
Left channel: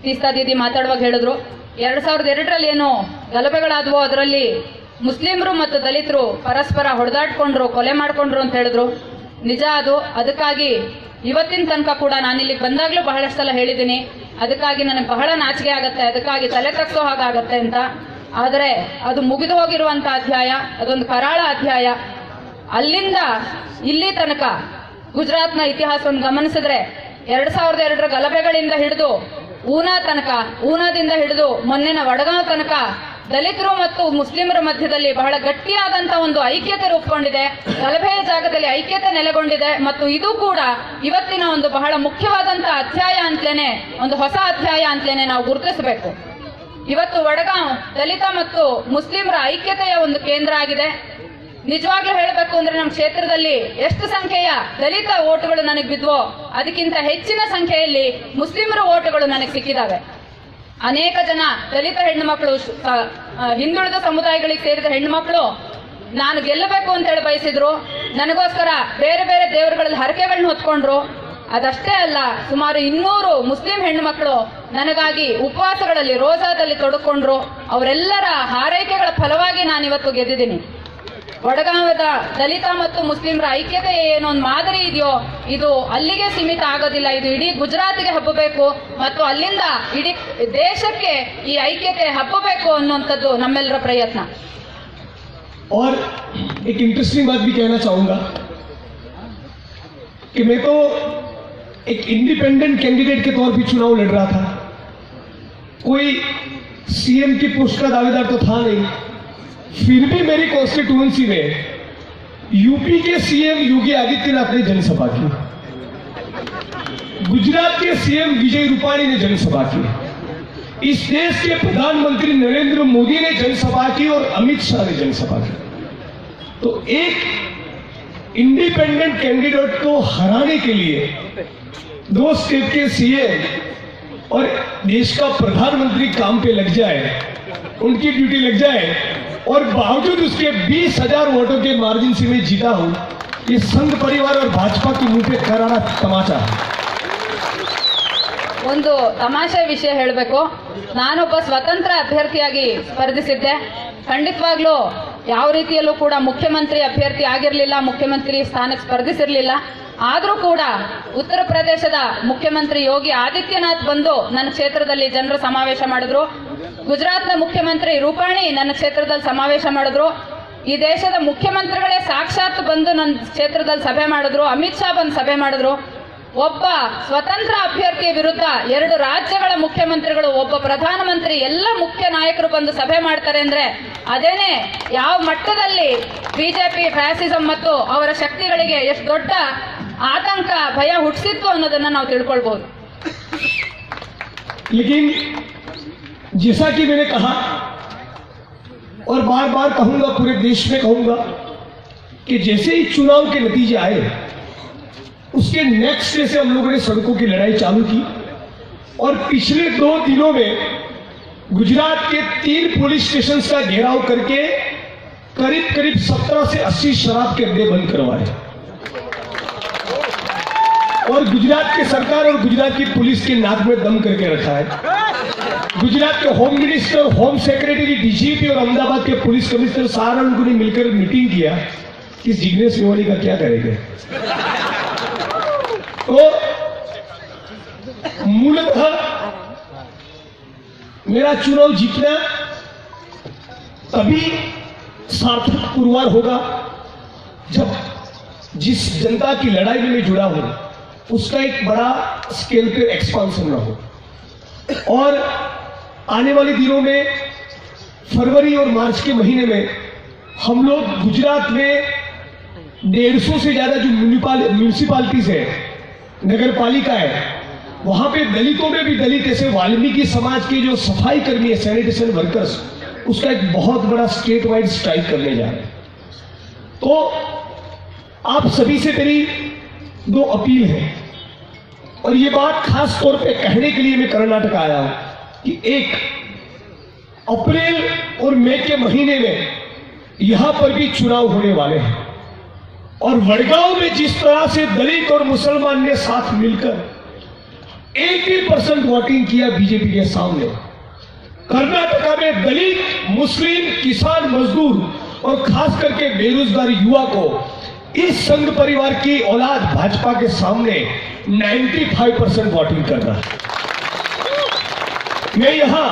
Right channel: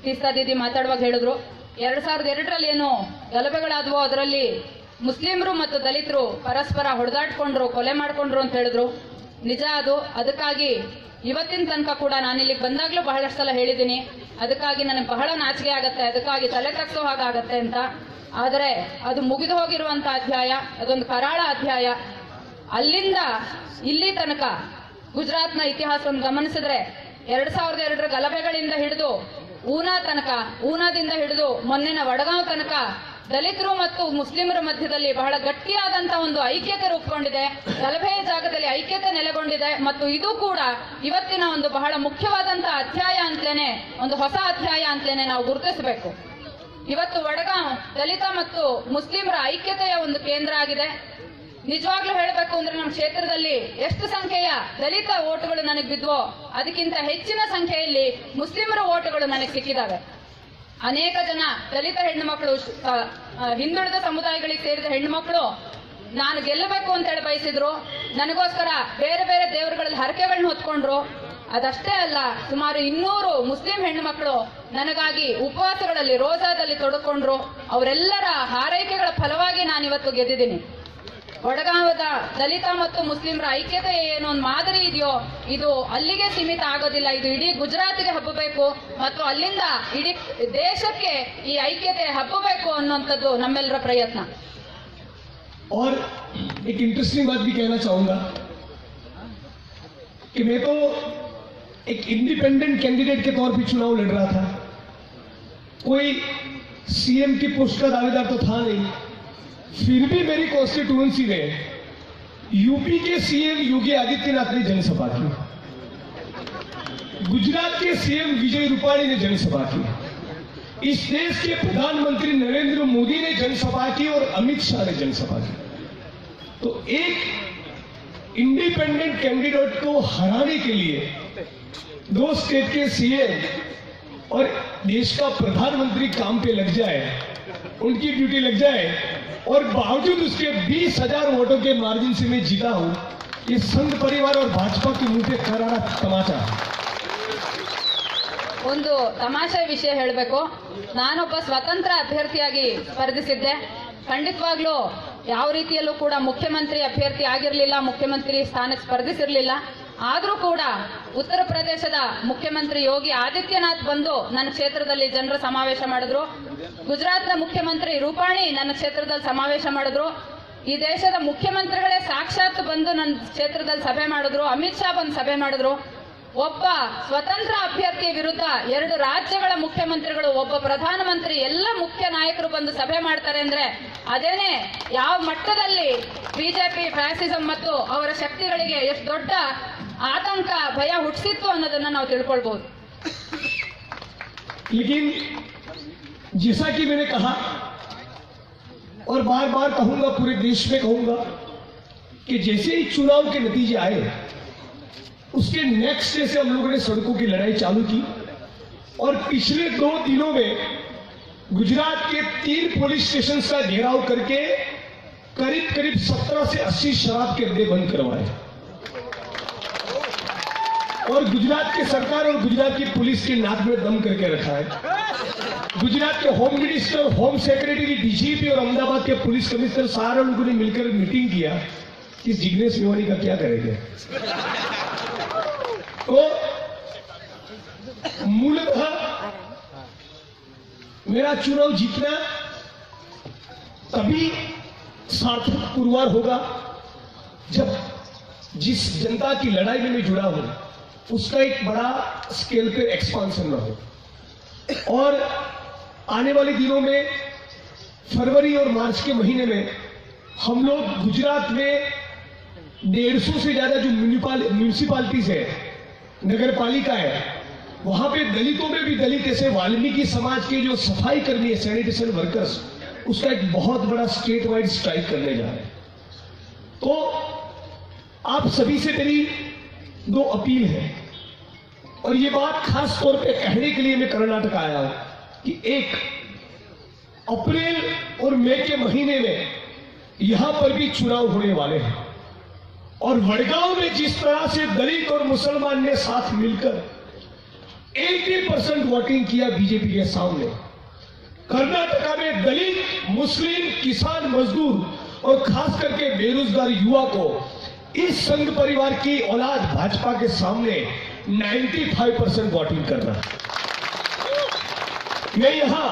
ತೀಸ್ತಾ ದೀದಿ ಮಾತಾಡುವಾಗ ಹೇಳಿದ್ರು, 2002ರಲ್ಲಿ ಏನು ಗಲಭೆಗಳಾದವೋ ಅದರಲ್ಲಿ ಮುಸ್ಲಿಮರು ಮತ್ತು ದಲಿತರು ಪರಸ್ಪರ ಹೊಡೆದಾಡ್ಕೊಂಡ್ರು, ಕೊಲೆ ಮಾಡ್ಕೊಂಡ್ರು ಅಂತ ಹೇಳಿದ್ರು. ನಿಜ ಅದು. ಅದಕ್ಕಾಗಿ ಇವತ್ತಿನ ತನಕ ಕೂಡ ನಾನಿಲ್ಲಿ ಬಂದಾಗ್ಲೂ ಬಹಳಷ್ಟು ಸಲ ಹೇಳಿದ್ದೀನಿ, ಅದಕ್ಕಾಗಿ ನನಗೆ ಬಹಳ ನಾಚಿಕೆ ಆಗತ್ತೆ, ಅದಕ್ಕಾಗಿ ತಲೆ ತಗ್ಸೋ ಹಾಗಾಗತ್ತೆ ಅಂತ. ಆದರೆ ಅದು ಮುಗಿದು ಹೋಗಿರುವಂತ ಅಧ್ಯಾಯ, ಅದೊಂದು ಕರಾಳ ಅಧ್ಯಾಯ. ಅಲ್ಲಿಂದ ಇಲ್ಲಿ ತನಕ ಗುಜರಾತ್ನ ಇತಿಹಾಸವನ್ನು ಗಮನಿಸಿದ್ರೆ 2002ರ ಗಲಭೆಗಳಿಂದ ಹಿಡಿದು ಊನಾ ತನಕ, ಊನಾದಿಂದ ಹಿಡಿದು ಮೊನ್ನೆನ ವಡಗಾಂವ್ ತನಕ ದಲಿತರು ಮತ್ತು ಮುಸ್ಲಿಮರ ಮಧ್ಯದಲ್ಲಿ ಬಹಳ ಗಟ್ಟಿಯಾದಂತಹ ಒಂದು ಐಕ್ಯತೆ ರೂಪುಗೊಂಡಿದೆ. ಗಲಭೆಯ ಜಾಗದಲ್ಲಿ ಐಕ್ಯತೆ ನೆಲೆಗೊಂಡಿದೆ ಮತ್ತು ಇದು ಕೂಡ ಇವತ್ತಿನ ಒಂದು ಬಹಳ ಮುಖ್ಯವಾದಂತಹ ಅಧ್ಯಾಯ ಅಂತಲೇನೆ, ಒಂದು ಹೊಸ ಅಧ್ಯಾಯ ಅಂತಲೇನೆ ನಾವು ಗುರುತಿಸಬೇಕು. ಇವತ್ತು ವಡಗಾಂವ್ ದಲಿತ ಮತ್ತು ಮುಸ್ಲಿಮರ ಐಕ್ಯತೆಯ ಒಂದು ಕೇಂದ್ರ ಆಗಿದೆ. ನಿಜವಾಗ್ಲೂ ಹೇಳಬೇಕು ಅಂದ್ರೆ ನಮ್ಮ ಕ್ಷೇತ್ರದಲ್ಲಿ ಎಷ್ಟು ಸಂಖ್ಯೆಯ ದಲಿತ ಓಟುಗಳು ನನಗೆ ಬಿದ್ವೋ ಅದಕ್ಕಿಂತ ಹೆಚ್ಚಿನ ಸಂಖ್ಯೆಯಲ್ಲಿ ಮುಸ್ಲಿಮರ ಓಟುಗಳು ನನಗೆ ಸಿಕ್ಕಿದಾವೆ. ಅನೇಕ ಜನ ದಲಿತ ಹೆಣ್ಣು ಮಕ್ಕಳು, ಹಿಂದುಳಿದ ಸಮುದಾಯಗಳಿಗೆ ಸೇರಿದ ಹೆಣ್ಣು ಮಕ್ಕಳು ನಾನು ಗೆಲ್ಲಬೇಕು ಅಂತ ಹೇಳಿ ಬಯಸಿದ್ರು. ನನಗೋಸ್ಕರ ಬೇರೆ ಬೇರೆ ದೇವರುಗಳಲ್ಲಿ ಹರಕೆಗಳನ್ನ ಹೊತ್ಕೊಂಡ್ರು. ಅದಷ್ಟೇ ಅಲ್ಲ, ಸುಮಾರು 200 ಮುಸ್ಲಿಂ ಹೆಣ್ಣು ಮಕ್ಕಳು ನನಗಾಗಿ ಉಪವಾಸಗಳಲ್ಲಿ, ರೋಜಾದಲ್ಲಿ ತೊಡಕೊಂಡ್ರು. ಅವರೆಲ್ಲರ ಹಾರೈಕೆಗಳ ಫಲವಾಗಿ ನಾನಿವತ್ತು ಗೆದ್ದಿದ್ದೀನಿ. ವಡಗಾಂವದ ದಲಿತ ಮತ್ತು ಮುಸ್ಲಿಮರ ಐಕ್ಯತೆ ಏನೋ ಒಂದು ಮಾದರಿ ಇದೆಯೋ ಇದು ಅಲ್ಲಿಗೆ ಸೀಮಿತ ಆಗೋದಿಲ್ಲ. ಇದು ಇಡೀ ಗುಜರಾತಿಗೆ ಹಬ್ಬಬೇಕು ಮತ್ತು ಅಲ್ಲಿಂದ ಇಡೀ ದೇಶಕ್ಕೆ ಈ ಐಕ್ಯತೆ ಹಬ್ಬಬೇಕು ಅನ್ನುವಂಥದ್ದು ನಮ್ಮೆಲ್ಲರ ಪ್ರಯತ್ನ. और एक इंटरेस्टिंग बात भी कहना चाहूंगा कि मैं तो एक इंडिपेंडेंट कैंडिडेट के तौर पे चुनाव लड़ रहा था, कोई सीएम की पोस्ट का दावेदार तो था नहीं. फिर भी मेरी कॉन्स्टिट्यूएंसी में यूपी के सीएम योगी आदित्यनाथ ने जनसभा की, गुजरात के सीएम विजय रूपाणी ने जनसभा की, इस देश के प्रधानमंत्री नरेंद्र मोदी ने जनसभा की और अमित शाह ने जनसभा की. तो एक इंडिपेंडेंट कैंडिडेट को हराने के लिए दो स्टेट के सीएम और देश का प्रधानमंत्री काम पे लग जाए, उनकी ड्यूटी लग जाए और बावजूद उसके 20,000 वोटों के मार्जिन से मैं जीता हूं, ये संघ परिवार और भाजपा के मुंह पे करारा तमाचा है. ಒಂದು ತಮಾಷೆ ವಿಷಯ ಹೇಳಬೇಕು. ನಾನೊಬ್ಬ ಸ್ವತಂತ್ರ ಅಭ್ಯರ್ಥಿಯಾಗಿ ಸ್ಪರ್ಧಿಸಿದ್ದೆ. ಖಂಡಿತವಾಗ್ಲೂ ಯಾವ ರೀತಿಯಲ್ಲೂ ಕೂಡ ಮುಖ್ಯಮಂತ್ರಿ ಅಭ್ಯರ್ಥಿ ಆಗಿರಲಿಲ್ಲ, ಮುಖ್ಯಮಂತ್ರಿ ಸ್ಥಾನಕ್ಕೆ ಸ್ಪರ್ಧಿಸಿರಲಿಲ್ಲ. ಆದರೂ ಕೂಡ ಉತ್ತರ ಪ್ರದೇಶದ ಮುಖ್ಯಮಂತ್ರಿ ಯೋಗಿ ಆದಿತ್ಯನಾಥ್ ಬಂದು ನನ್ನ ಕ್ಷೇತ್ರದಲ್ಲಿ ಜನರ ಸಮಾವೇಶ ಮಾಡಿದ್ರು. ಗುಜರಾತ್ನ ಮುಖ್ಯಮಂತ್ರಿ ರೂಪಾಣಿ ನನ್ನ ಕ್ಷೇತ್ರದಲ್ಲಿ ಸಮಾವೇಶ ಮಾಡಿದ್ರು. ಈ ದೇಶದ ಮುಖ್ಯಮಂತ್ರಿಗಳೇ ಸಾಕ್ಷಾತ್ ಬಂದು ನನ್ನ ಕ್ಷೇತ್ರದಲ್ಲಿ ಸಭೆ ಮಾಡಿದ್ರು. ಅಮಿತ್ ಶಾ ಬಂದು ಸಭೆ ಮಾಡಿದ್ರು. ಒಬ್ಬ ಸ್ವತಂತ್ರ ಅಭ್ಯರ್ಥಿಯ ವಿರುದ್ಧ 2 ರಾಜ್ಯಗಳ ಮುಖ್ಯಮಂತ್ರಿಗಳು, ಒಬ್ಬ ಪ್ರಧಾನಮಂತ್ರಿ, ಎಲ್ಲ ಮುಖ್ಯ ನಾಯಕರು ಬಂದು ಸಭೆ ಮಾಡ್ತಾರೆ ಅಂದ್ರೆ ಅದೇನೆ ಯಾವ ಮಟ್ಟದಲ್ಲಿ ಬಿಜೆಪಿ ಫ್ಯಾಸಿಸಂ ಮತ್ತು ಅವರ ಶಕ್ತಿಗಳಿಗೆ ಎಷ್ಟು ದೊಡ್ಡ ಆತಂಕ ಭಯ ಹುಟ್ಟಿಸಿತ್ತು ಅನ್ನೋದನ್ನ ನಾವು ತಿಳ್ಕೊಳ್ಬಹುದು. लेकिन जैसा कि मैंने कहा और बार बार कहूंगा, पूरे देश में कहूंगा कि जैसे ही चुनाव के नतीजे आए उसके नेक्स्ट डे से हम लोगों ने सड़कों की लड़ाई चालू की और पिछले 2 दिनों में गुजरात के 3 पुलिस स्टेशन का घेराव करके करीब करीब 17 से 80 शराब के अड्डे बंद करवाए और गुजरात की सरकार और गुजरात की पुलिस की नाक में दम करके रखा है. गुजरात के home minister, home secretary, DGP और अहमदाबाद के पुलिस कमिश्नर सहारनपुर ने मिलकर मीटिंग किया कि जिग्नेश मेवाणी का क्या करेंगे. तो मूलतः मेरा चुनाव जीतना तभी सार्थक पुरवार होगा जब जिस जनता की लड़ाई में मैं जुड़ा हूं उसका एक बड़ा स्केल पे एक्सपांशन ना हो. और आने वाले दिनों में फरवरी और मार्च के महीने में हम लोग गुजरात में 150 से ज्यादा जो म्यूनिसिपालिटीज है, नगर पालिका है, वहां पे दलितों में भी दलित ऐसे वाल्मीकि समाज के जो सफाई कर्मी है, सैनिटेशन वर्कर्स, उसका एक बहुत बड़ा स्टेट वाइड स्ट्राइक करने जा रहे हैं. तो आप सभी से मेरी 2 अपील है और ये बात खास तौर पे कहने के लिए मैं कर्नाटक आया हूं कि 1 अप्रैल और मई के महीने में यहां पर भी चुनाव होने वाले हैं और वडगांव में जिस तरह से दलित और मुसलमान ने साथ मिलकर 80% वोटिंग किया बीजेपी के सामने, कर्नाटका में दलित, मुस्लिम, किसान, मजदूर और खास करके बेरोजगार युवा को इस संघ परिवार की औलाद भाजपा के सामने 95% वोटिंग करना है. मैं यहां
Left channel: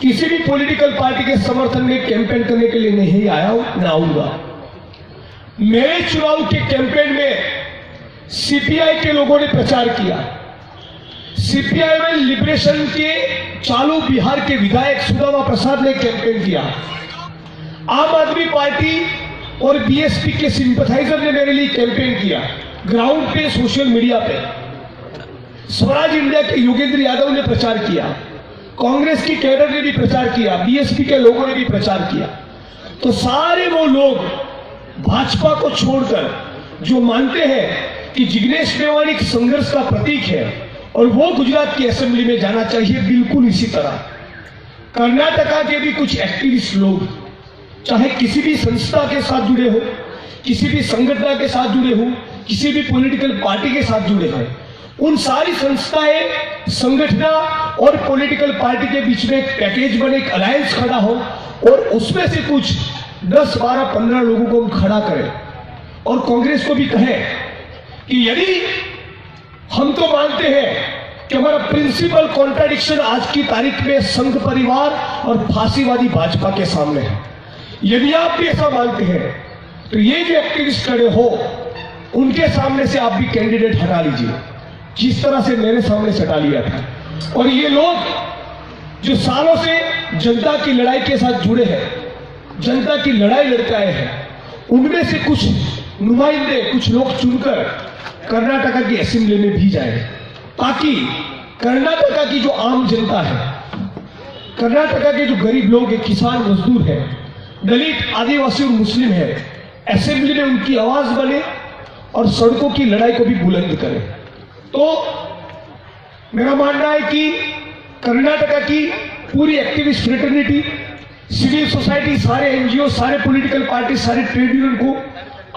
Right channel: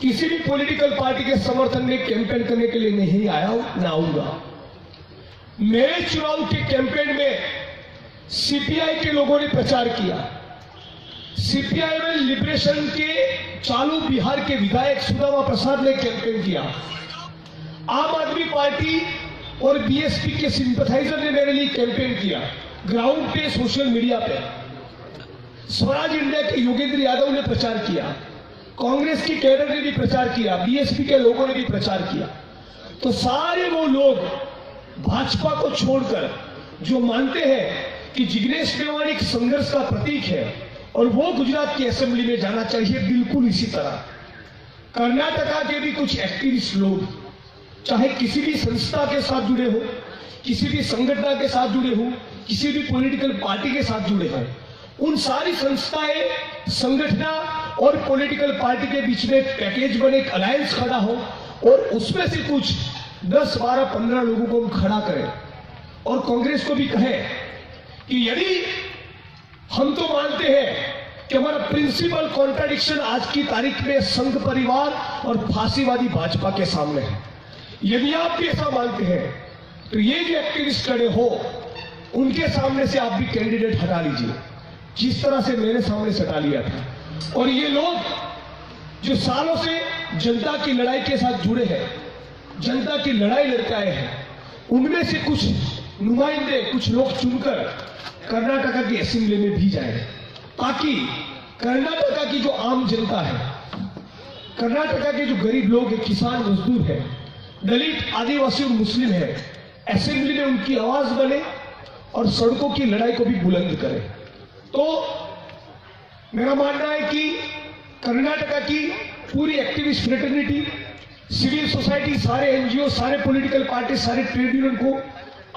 किसी भी पॉलिटिकल पार्टी के समर्थन में कैंपेन करने के लिए नहीं आया हूं, न आऊंगा. मेरे चुनाव के कैंपेन में सीपीआई के लोगों ने प्रचार किया. सीपीआई में लिबरेशन के चालू बिहार के विधायक सुदामा प्रसाद ने कैंपेन किया. आम आदमी पार्टी और बीएसपी के सिंपथाइजर ने मेरे लिए कैंपेन किया ग्राउंड पे, सोशल मीडिया पे. स्वराज इंडिया के योगेंद्र यादव ने प्रचार किया, कांग्रेस की कैडर ने भी प्रचार किया, बीएसपी के लोगों ने भी प्रचार किया. तो सारे वो लोग भाजपा को छोड़कर जो मानते हैं कि जिग्नेश मेवाणी एक संघर्ष का प्रतीक है और वो गुजरात की असेंबली में जाना चाहिए, बिल्कुल इसी तरह कर्नाटका के भी कुछ एक्टिविस्ट लोग, चाहे किसी भी संस्था के साथ जुड़े हो, किसी भी संगठन के साथ जुड़े हो, किसी भी पॉलिटिकल पार्टी के साथ जुड़े हैं, उन सारी संस्थाएं, संगठन और पॉलिटिकल पार्टी के बीच में एक पैकेज बने, एक अलायंस खड़ा हो और उसमें से कुछ 10, 12, 15 लोगों को हम खड़ा करें और कांग्रेस को भी कहें कि यदि हम तो मानते हैं कि हमारा प्रिंसिपल कॉन्ट्राडिक्शन आज की तारीख में संघ परिवार और फांसीवादी भाजपा के सामने है, यदि आप भी ऐसा मानते हैं तो ये जो एक्टिविस्ट खड़े हो उनके सामने से आप भी कैंडिडेट हटा लीजिए, जिस तरह से मेरे सामने से हटा लिया था। और ये लोग जो सालों से जनता की लड़ाई के साथ जुड़े हैं, जनता की लड़ाई लड़के आए हैं, उनमें से कुछ नुमाइंदे, कुछ लोग चुनकर कर्नाटका की असेंबली में भी जाए, ताकि कर्नाटका की जो आम जनता है, कर्नाटका के जो गरीब लोग हैं, किसान मजदूर हैं, दलित, आदिवासी और मुस्लिम है, असेंबली में उनकी आवाज बने और सड़कों की लड़ाई को भी बुलंद करे। तो मेरा मानना है कि कर्नाटका की पूरी एक्टिविस्ट फ्रेटर्निटी, सिविल सोसाइटी, सारे एनजीओ, सारे पॉलिटिकल पार्टी, सारे ट्रेड यूनियन को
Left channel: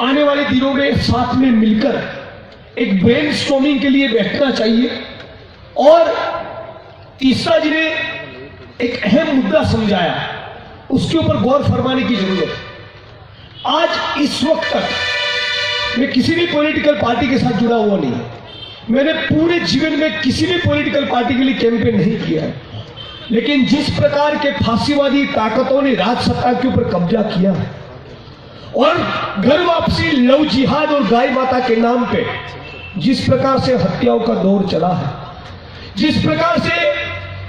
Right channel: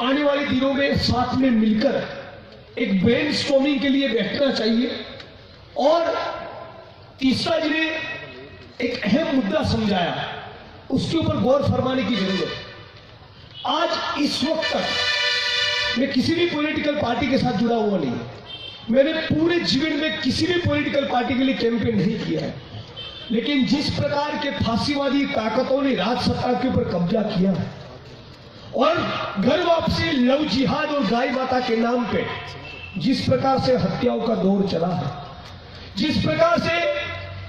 आने वाले दिनों में साथ में मिलकर एक ब्रेनस्टॉर्मिंग के लिए बैठना चाहिए। और तीसरा जिन्हें एक अहम मुद्दा समझाया, उसके ऊपर गौर फरमाने की जरूरत है। आज इस वक्त तक मैं किसी भी पॉलिटिकल पार्टी के साथ जुड़ा हुआ नहीं, मैंने पूरे जीवन में किसी भी पॉलिटिकल पार्टी के लिए कैंपेन नहीं किया है, लेकिन जिस प्रकार के फांसीवादी ताकतों ने राज सत्ता के ऊपर कब्जा किया है और घर वापसी, लव जिहाद और गाय माता के नाम पे जिस प्रकार से हत्याओं का दौर चला है, जिस प्रकार से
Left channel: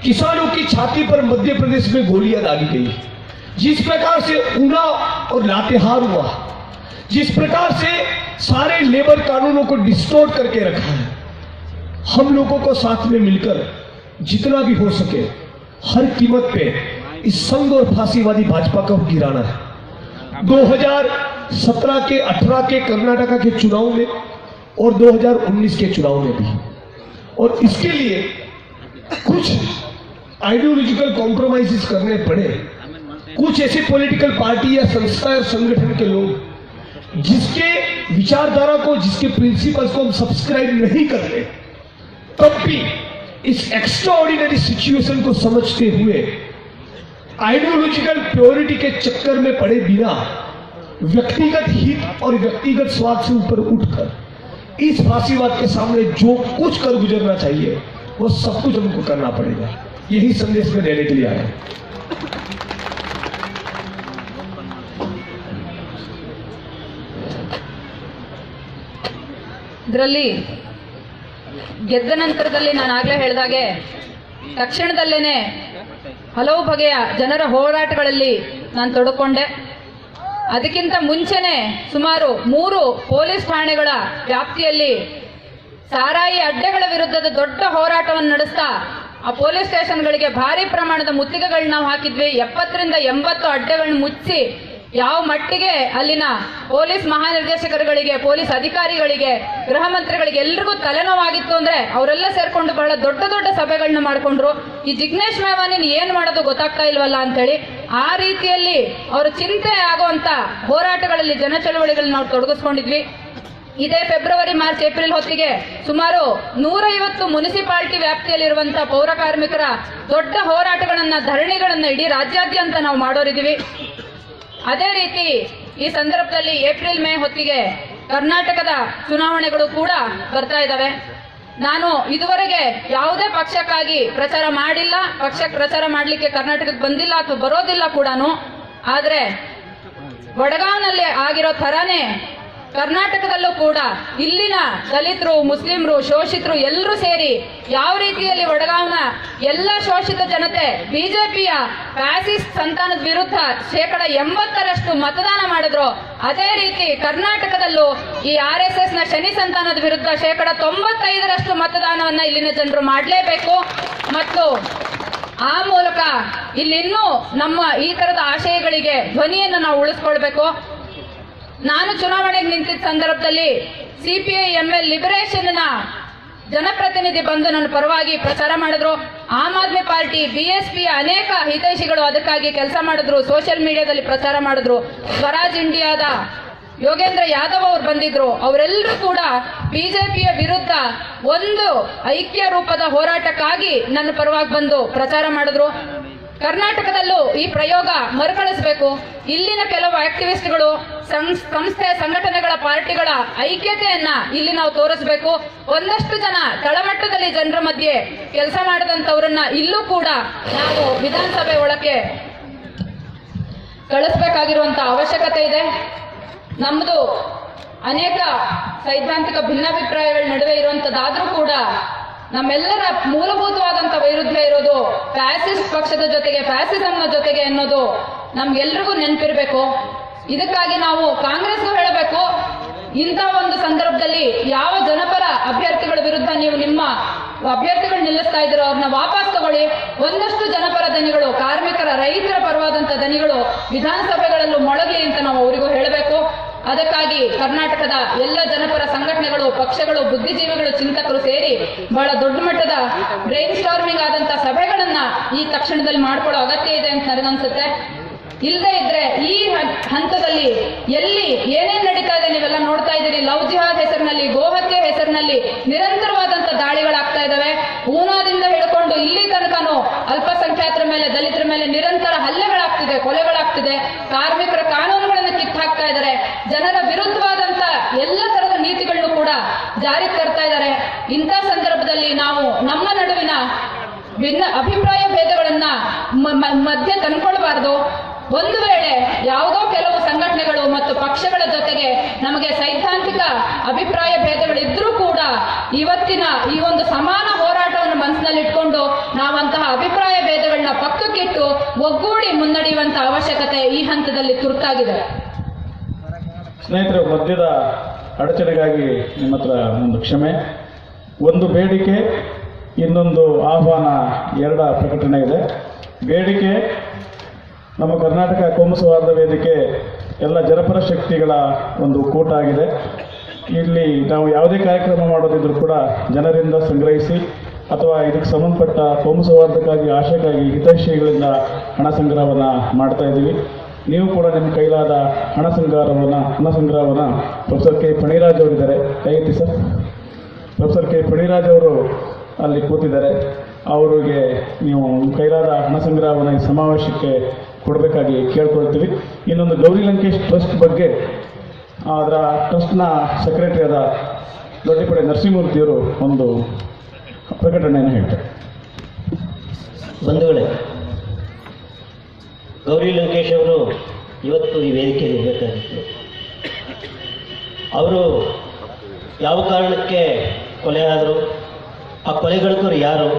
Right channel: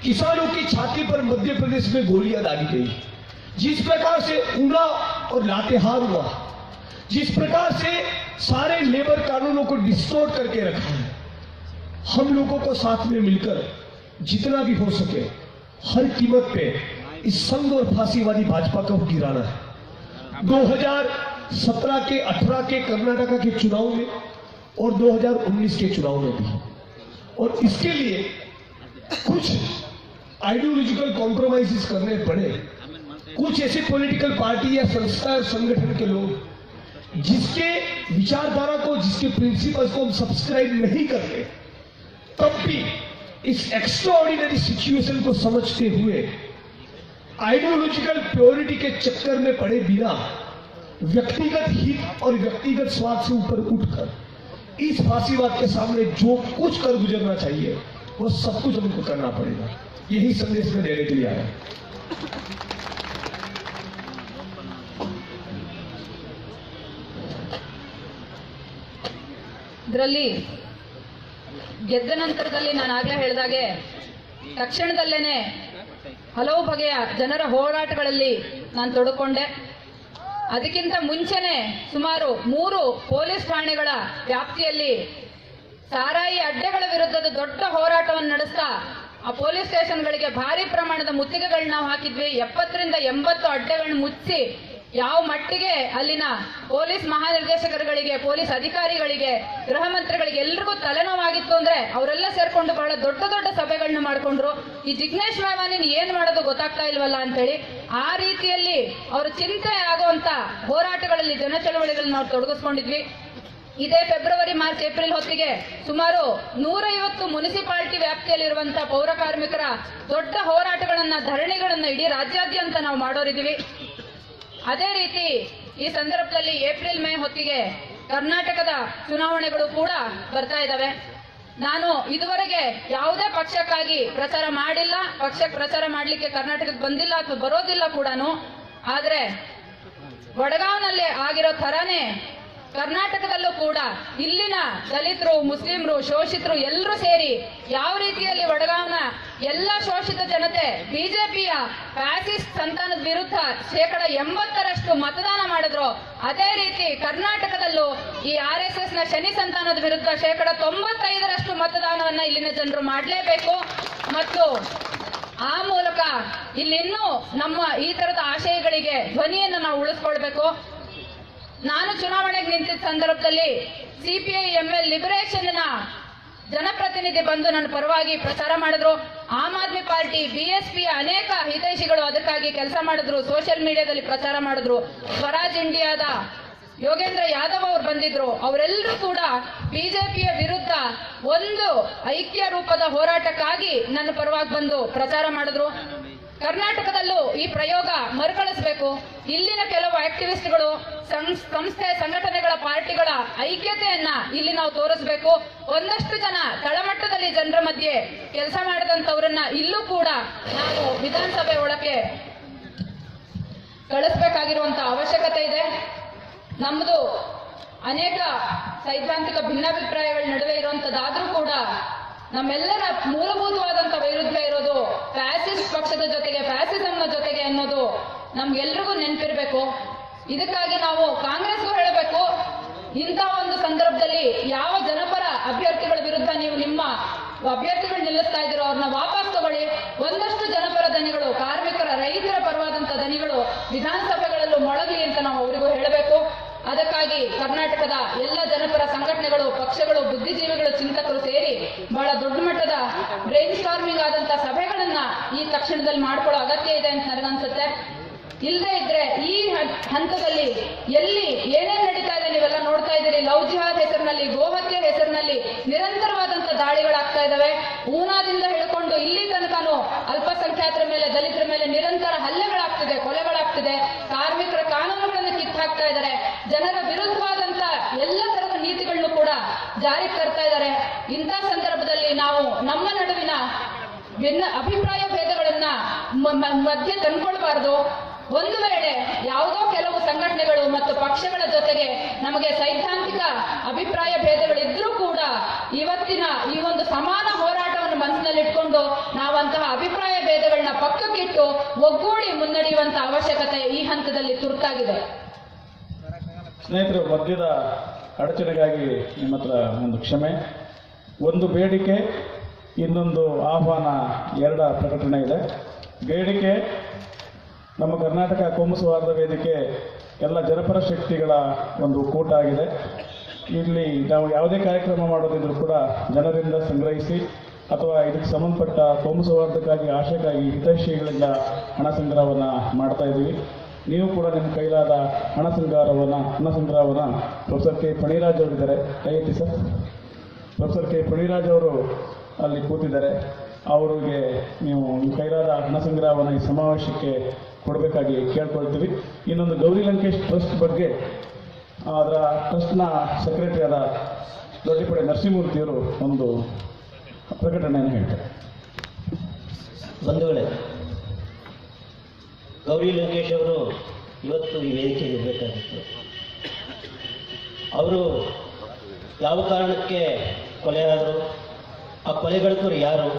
किसानों की छाती पर मध्य प्रदेश में गोलियां दागी गई, जिस प्रकार से ऊना और लातेहार हुआ, जिस प्रकार से सारे लेबर कानूनों को डिस्टोर्ट करके रखा है, हम लोगों को साथ में मिलकर जितना भी हो सके हर कीमत पे इस संघ और फांसीवादी भाजपा को गिराना है। 2017 के 18 के कर्नाटका के चुनाव में और 2019 के चुनाव में भी, और इसके लिए कुछ आइडियोलॉजिकल कॉम्प्रोमाइजेस करने पड़े। कुछ ऐसी पॉलिटिकल पार्टी या संस्था या संगठन के लोग जिसके विचारधारा को, जिसके प्रिंसिपल्स को हम सब्सक्राइब नहीं करते, तब भी इस एक्स्ट्राऑर्डिनरी सिचुएशन को समझते हुए आइडियोलॉजिकल प्योरिटी के चक्कर में पड़े बिना व्यक्तिगत हित और व्यक्तिगत स्वार्थ से ऊपर उठकर इस फांसीवाद के सामने जो कुछ कर गुजरना चाहिए वो सब कुछ हमको करना पड़ेगा। यही संदेश में देने के लिए आया। ಇದರಲ್ಲಿ ಗೆದ್ದ ನಂತರದಲ್ಲಿ ನಾನು ಆಗಲೇ ಹೇಳಿದಾಗೆ ತಕ್ಷಣದಲ್ಲೇನೆ ಹಲವು ಬಗೆಯ ಜನರ ಹೋರಾಟಗಳಲ್ಲಿ ನಾನು ತೊಡಕೊಂಡೆ. ಅದಕ್ಕಿಂತ ಮುಂಚೆನೆ ಸುಮಾರು 3 ಪೊಲೀಸ್ ಠಾಣೆಗಳ ವ್ಯಾಪ್ತಿಯಲ್ಲಿ ಸಾರಾಯಿ ಅಡ್ಡೆಗಳ ವಿರುದ್ಧದ ದೊಡ್ಡ ಹೋರಾಟವನ್ನು ನಡೆಸ್ತಾ ಆ ಪೊಲೀಸ್ ಸ್ಟೇಷನ್ಗಳಿಗೆ ಭಾರಿ ಪ್ರಮಾಣದ ಮುತ್ತಿಗೆಗಳನ್ನ ನಾವು ಹಾಕಿದ್ವಿ. 70 ರಿಂದ 80 ಅಡ್ಡೆಗಳನ್ನ ಮುಚ್ಚಿ ಯಾವ ಮಟ್ಟಿಗೆ ಅಲ್ಲಿನ ಪೊಲೀಸ್ ಮಹಾನಿರ್ದೇಶಕರುಗಳಿಗೆ, ಪೊಲೀಸ್ ಅಧಿಕಾರಿಗಳಿಗೆ, ಗೃಹ ಮಂತ್ರಿಗಳಿಗೆ ಎಲ್ರಿಗೂ ತಲೆನೋವಾಗಿತ್ತು ಅಂದ್ರೆ ಅವರೆಲ್ಲ ಸೇರ್ಕೊಂಡು ಬಹಳ ದೊಡ್ಡ ದೊಡ್ಡ ಸಭೆಗಳನ್ನ ಮಾಡ್ಕೊಂಡ್ರು. ಈ ಜಿಗ್ನೇಶ್ ಮೇವಾನಿನ ಏನ್ ಮಾಡೋದು ಗೊತ್ತಾಗ್ತಾ ಇಲ್ವಲ್ಲ ಅಂತೇಳಿ ಆ ರೀತಿಯಲ್ಲಿ ಅವರ ಚಿಂತೆ ಆಗುವಂತ ಹೋರಾಟಗಳಲ್ಲಿ ಜನ ಚಳವಳಿಗಳನ್ನ ನಾವು ತೊಡಗಿಸ್ಕೊಂಡಿದ್ವಿ. ಇದೇ ಫೆಬ್ರವರಿ, ಮಾರ್ಚ್, ಏಪ್ರಿಲ್ ಹೊತ್ತಿಗೆ ಸುಮಾರು 150 ಮುನಿಸಿಪಾಲಿಟಿ ವ್ಯಾಪ್ತಿಯಲ್ಲಿರುವಂತಹ ಪೌರ ಕಾರ್ಮಿಕರ ದೊಡ್ಡ ಹೋರಾಟಗಳನ್ನ, ಧರಣಿಗಳನ್ನ ಇಡೀ ರಾಜ್ಯಾದ್ಯಂತ ನಾವು ಮಾಡೋರಿದ್ದೀವಿ. ಅದೇ ರೀತಿ ಈ ಸಂದರ್ಭದಲ್ಲಿ ಏಪ್ರಿಲ್ ಮೇ ಹೊತ್ತಿಗೆ ಕರ್ನಾಟಕದ ಚುನಾವಣೆಗಳು ಕೂಡ ಬರ್ತಾ ಇದ್ದಾವೆ. ನಾನು ಇದುವರೆಗೆ ಯಾವುದೇ ಪಕ್ಷಕ್ಕಾಗಿ ಪ್ರಚಾರ ಮಾಡಿಲ್ಲ, ಪಕ್ಷಕ್ಕೆ ಪ್ರಚಾರ ಮಾಡಲಿಕ್ಕೆ ಕರ್ನಾಟಕಕ್ಕೆ ಬಂದಿಲ್ಲ ಅಥವಾ ಬರೋದಿಲ್ಲ ಕೂಡ. ಆದ್ರೆ ವಡಗಾಂವ್ನಲ್ಲಿ ಆಗಿರೋ ತರಾನೇ ಕರ್ನಾಟಕದಲ್ಲೂ ಕೂಡ ಇಲ್ಲಿನ ದಲಿತರು, ಮುಸ್ಲಿಮರು, ಶೋಷಿತರು ಎಲ್ಲರೂ ಸೇರಿ ಯಾವ ರೀತಿಯಲ್ಲಿ ವಡಗಾಂವ್ನ ಎಲ್ಲ ಶೋಷಿತ ಜನತೆ ಬಿಜೆಪಿಯ ಫ್ಯಾಸಿಸ್ಟ್ ಸಂತಾನದ ವಿರುದ್ಧ 80% ಮತದಾನ ಮಾಡಿದ್ರು, ಅದೇ ರೀತಿ ಕರ್ನಾಟಕದಲ್ಲೂ ಈ RSS ನ ಶನಿ ಸಂತಾನದ ವಿರುದ್ಧ 95% ಮತದಾನವನ್ನ ಇಲ್ಲಿನ ಜನರು ಮಾಡಲೇಬೇಕು. ಮತ್ತು ಆ ಮೂಲಕ ಇಲ್ಲಿನ್ನೂ ನಮ್ಮ ಈ ತರದ ಆಶಯಗಳಿಗೆ ಧ್ವನಿಯನ್ನು ನಾವು ಉಳಿಸ್ಕೊಳ್ಬೇಕು. ನಾನು ಚುನಾವಣೆಗೆ ನಿಂತಿದ್ದ ಸಂದರ್ಭದಲ್ಲಿ CPI-ML ಲಿಬರೇಷನ್ ನ ಜನಪ್ರತಿನಿಧಿ ಬಂದು ನನ್ನ ಪರವಾಗಿ ಪ್ರಚಾರ ಮಾಡಿದ್ರು. ಆಮ್ ಆದ್ಮಿ ಪಾರ್ಟಿ, BSP ಅನೇಕ ಹಿತೈಷಿಗಳು ಅದಕ್ಕಾಗಿ ಕೆಲಸ ಮಾಡಿದ್ರು, ಸೋಷಿಯಲ್ ಮೀಡಿಯಾದಲ್ಲಿ ಪ್ರಚಾರ ಮಾಡಿದ್ರು. ಸ್ವರಾಜ್ ಇಂಡಿಯಾದ ಯೋಗೇಂದ್ರ ಯಾದವ್ ಅವರು ಬಂದಿದ್ರು. ಅವರೆಲ್ಲರೂ ಕೂಡ ಬಿಜೆಪಿಯ ವಿರುದ್ಧ ಒಂದು ಐಕ್ಯ ರೂಪದ ಹೋರಾಟಕ್ಕಾಗಿ ನನ್ನ ಪರವಾಗಿ ಬಂದು ಪ್ರಚಾರ ಮಾಡಿದ್ರು. ಕರ್ನಾಟಕದಲ್ಲೂ ಈ ಪ್ರಯೋಗ ಮರುಕಳಿಸಬೇಕು. ಇಲ್ಲಿನ ಕೆಲವು ಆಕ್ಟಿವಿಸ್ಟ್ಗಳು, ಸಂಸ್ಥೆ, ಸಂಘಟನೆಗಳ, ಪಾರ್ಟಿಗಳ ಐಕ್ಯತೆಯನ್ನ ಇಲ್ಲಿ ನಾವು ತೋರಿಸಬೇಕು. ಒಂದಷ್ಟು ಜನ ತಳಮಟ್ಟದಲ್ಲಿ ಜನರ ಮಧ್ಯೆ ಕೆಲಸ ಮಾಡಿದಂತವರನ್ನ ಇಲ್ಲೂ ಕೂಡ ನಾವು ವಿಧಾನಸಭೆ ಒಳಕ್ಕೆ ಕಳಿಸ್ಬೇಕಾಗಿರುವಂತ ಅವಶ್ಯಕತೆ ಇದೆ. ನಮ್ದು ಅನೇಕ ಸೈದ್ಧಾಂತಿಕ ಭಿನ್ನಾಭಿಪ್ರಾಯಗಳ ನಡುವೆ ಇರುವಂತದ್ದಾದ್ರೂ ಕೂಡ ನಮ್ಮೆಲ್ಲರ ಮೂಲಭೂತವಾದಂತ ವೈರುಧ್ಯ ಇರೋದು ಫ್ಯಾಸಿಸ್ಟ್ ಪಕ್ಷದ ಜೊತೆಗೆ, ಫ್ಯಾಸಿಸಂನ ಜೊತೆಗೆ ಅನ್ನೋದು ನಮ್ಗೆಲ್ರಿಗೂ ನೆನಪಿರ್ಬೇಕು. ಇದಕ್ಕಾಗಿ ನಾವು ಕಾಂಗ್ರೆಸ್ಗೂ ಹೇಳಬೇಕು, ಇಂಥ ಒಂದು ಸಂದರ್ಭದಲ್ಲಿ ಯಾವ ಜನಪರ ಅಭ್ಯರ್ಥಿಗಳ ವಿರುದ್ಧ ನೀವು ನಿಮ್ಮ ಅಭ್ಯರ್ಥಿಗಳು ನಿಲ್ಲಿಸ್ತಾ ಇದ್ದೀರೋ ಅವ್ರನ್ನ ವಾಪಸ್ ತಗೊಳ್ಳಿ. ಒಂದಷ್ಟು ಜನಪರ ದನಿಗಳು, ಕಾರ್ಮಿಕರ, ರೈತರ ಪರವಾದಂತ ದನಿಗಳು ವಿಧಾನಸಭೆಗಳಲ್ಲೂ ಮೊಳಗಲಿ ಅಂತ ನಾವು ಅವರಿಗೂ ಹೇಳಬೇಕು. ಅದಕ್ಕಾಗಿ ಕರ್ನಾಟಕದ ಎಲ್ಲ ಜನಪರ ಸಂಘಟನೆಗಳು, ಪಕ್ಷಗಳು, ಬುದ್ಧಿಜೀವಿಗಳು, ಚಿಂತಕರು ಸೇರಿ ಬಹಳ ದೊಡ್ಡ ಮಟ್ಟದ ಬ್ರೈನ್ ಸ್ಟಾರ್ಮಿಂಗ್ ಆದಂತ ಸಭೆಗಳನ್ನ ಈ ತಕ್ಷಣದಲ್ಲಿ ಮಾಡ್ಕೊಳ್ಳೋ ಅಗತ್ಯ ಇದೆ ಅಂತ ನನಗನ್ಸುತ್ತೆ. ಇಲ್ಲದೆ ಇದ್ರೆ ಈ ಹಂತದಲ್ಲಿ ಎಲ್ಲಿ ಏನೇನ್ ನಡೀತಾ ಇದೆ ನೀವೆಲ್ಲ ನೋಡ್ತಾ ಇದ್ದೀರಿ. ಲವ್ ಜಿಹಾದ್ ಹೆಸರಿನಲ್ಲಿ, ಗೋಹತ್ಯೆ ಹೆಸರಿನಲ್ಲಿ ನಿರಂತರವಾದಂತ ದಾಳಿಗಳಾಗ್ತಾ ಇದಾವೆ. ಊನಾದಿಂದ ಹಿಡ್ಕೊಂಡು ಇಲ್ಲಿ ತನಕನೂ ಅಲ್ಪಸಂಖ್ಯಾತರ ಮೇಲೆ, ದಲಿತರ ಮೇಲೆ ನಿರಂತರ ಹಲ್ಲೆಗಳಾಗ್ತಿದೆ, ಕೊಲೆಗಳಾಗ್ತಿದೆ. ಕಾರ್ಮಿಕರ ಕಾನೂನುಗಳನ್ನು ಕಿತ್ತು ಹಾಕ್ತಾ ಇದ್ದಾರೆ. ಜನರ ವಿರುದ್ಧವಾದಂತ ಎಲ್ಲ ತರದ ನೀತಿಗಳನ್ನು ಕೂಡ ಜಾರಿಗೆ ತರ್ತಾ ಇದ್ದಾರೆ. ಇಂಥ ಸಂದರ್ಭದಲ್ಲಿ ನಾವು ನಮ್ಮ ನಡುವಿನ ಭಿನ್ನ ಅಭಿಪ್ರಾಯ ಭೇದಗಳನ್ನ ಮಧ್ಯೆ ತಂದ್ಕೊಳ್ಬಾರ್ದು. ಒಂದು ವೇಳೆ ಯಾವುದೋ ಕೆಲವು ಸಂಘಟನೆಗಳು ಮತ್ತು ಪಕ್ಷಗಳ ಜೊತೆಗೆ ನಮಗೆ ಸೈದ್ಧಾಂತಿಕ ಅಭಿಪ್ರಾಯ ಭೇದಗಳಿದ್ರೂ ಕೂಡ ಇವತ್ತಿನ ಈ ಒಂದು ಸಮಾನ ಹೋರಾಟವನ್ನು ಮನಸ್ಸಿನಲ್ಲಿಟ್ಕೊಂಡು ನಾವಂತಹ ಅಭಿಪ್ರಾಯ ಭೇದಗಳನ್ನ ಪಕ್ಕಕ್ಕಿಟ್ಟು ಒಗ್ಗೂಡಿ ಮುನ್ನಡೆಯುವಂತ ಅವಶ್ಯಕತೆ ಈ ಹಂತದಲ್ಲಿ ತುರ್ತಾಗಿದೆ. ಸ್ನೇಹಿತರು, ಮಧ್ಯದ ಅಡಚಣೆಗಾಗಿ ನಿಮ್ಮ ಹತ್ರ ಒಂದು ಕ್ಷಮೆ. ಒಂದು ಬೇಡಿಕೆ, ಇನ್ನೊಂದು ಆಹ್ವಾನ, ಎರಡ ಪ್ರಕಟಣೆ ಇದೆ. ಬೇಡಿಕೆ, ನಮ್ಮ ಕರ್ನಾಟಕ ಕೋಮು ಸೌಹಾರ್ದ ವೇದಿಕೆ ಎಲ್ಲ ಜನಪರ ಶಕ್ತಿಗಳ ಒಂದು ಕೂಟ ಆಗಿದೆ. ಇಲ್ಲಿ ನಾವು ಯಾವುದೇ ಕಾರ್ಯಕ್ರಮ ಮಾಡೋದಿದ್ರು ಕೂಡ ಜನರಿಂದ ಸಂಗ್ರಹಿಸಿ ಅಥವಾ ಇದಕ್ಕೆ ಸಂಬಂಧಪಟ್ಟ ಕೋಮು ಸೌಹಾರ್ದಕ್ಕಾಗಿ, ಆಶೆಗಾಗಿ ಹಿತೈಷಿಗಳಿಂದ ಹಣ ಸಂಗ್ರಹವನ್ನು ಮಾಡ್ತಾ ಇದ್ದೀವಿ. ನೀವು ಕೂಡ ನಿಮ್ಮ ಕೈಲಾದ ಹಣ ಸಂಗ್ರಹವನ್ನು ಪ್ರೊಫೆಸರ್ ಕೆ ಫಣಿರಾಜ್ ಅವರಿದ್ದಾರೆ, ದಯವಿಟ್ಟು ಸರ್. ಪ್ರೊಫೆಸರ್ ಕೆ ಫಣಿರಾಜ್ ಅವರು ಅಲ್ಲಿ ಕೂತಿದ್ದಾರೆ. ಅವರಿಗೆ ನೀವು ಕೈಲಾದ ಹಣ ಸಂಗ್ರಹವನ್ನು ಈ ಸಮಾವೇಶಕ್ಕೆ ಕೊಡಬೇಕಾಗಿ ಕೇಳ್ಕೊಳ್ತೀವಿ. ಇನ್ನೊಂದು ಗೌರಿ ಲಂಕೇಶ್ ಟ್ರಸ್ಟ್ ಬಗ್ಗೆ ಅದರ ಟ್ರಸ್ಟ್ನ ಸೆಕ್ರೆಟರಿ ಆದ ದೊಡ್ಡಪಡೆ ನರಸಿಂಹಮೂರ್ತಿಯವರು ಒಂದು ಪ್ರಕಟಣೆಯನ್ನು ಹೇಳ್ತಾರೆ. ಬಂಧುಗಳೇ, ಗೌರಿ ಲಂಕೇಶ್ ಅವರು ಇವತ್ತು ಈ ವೇದಿಕೆಯಲ್ಲಿ ಇರಬೇಕಾಗಿತ್ತು. ಅವರು ಯಾವ ಕಾರಣಕ್ಕೆ ಕೊಲೆ ಆದರು, ಆ ಕೊಲೆಗಳುಕರು ಯಾರು,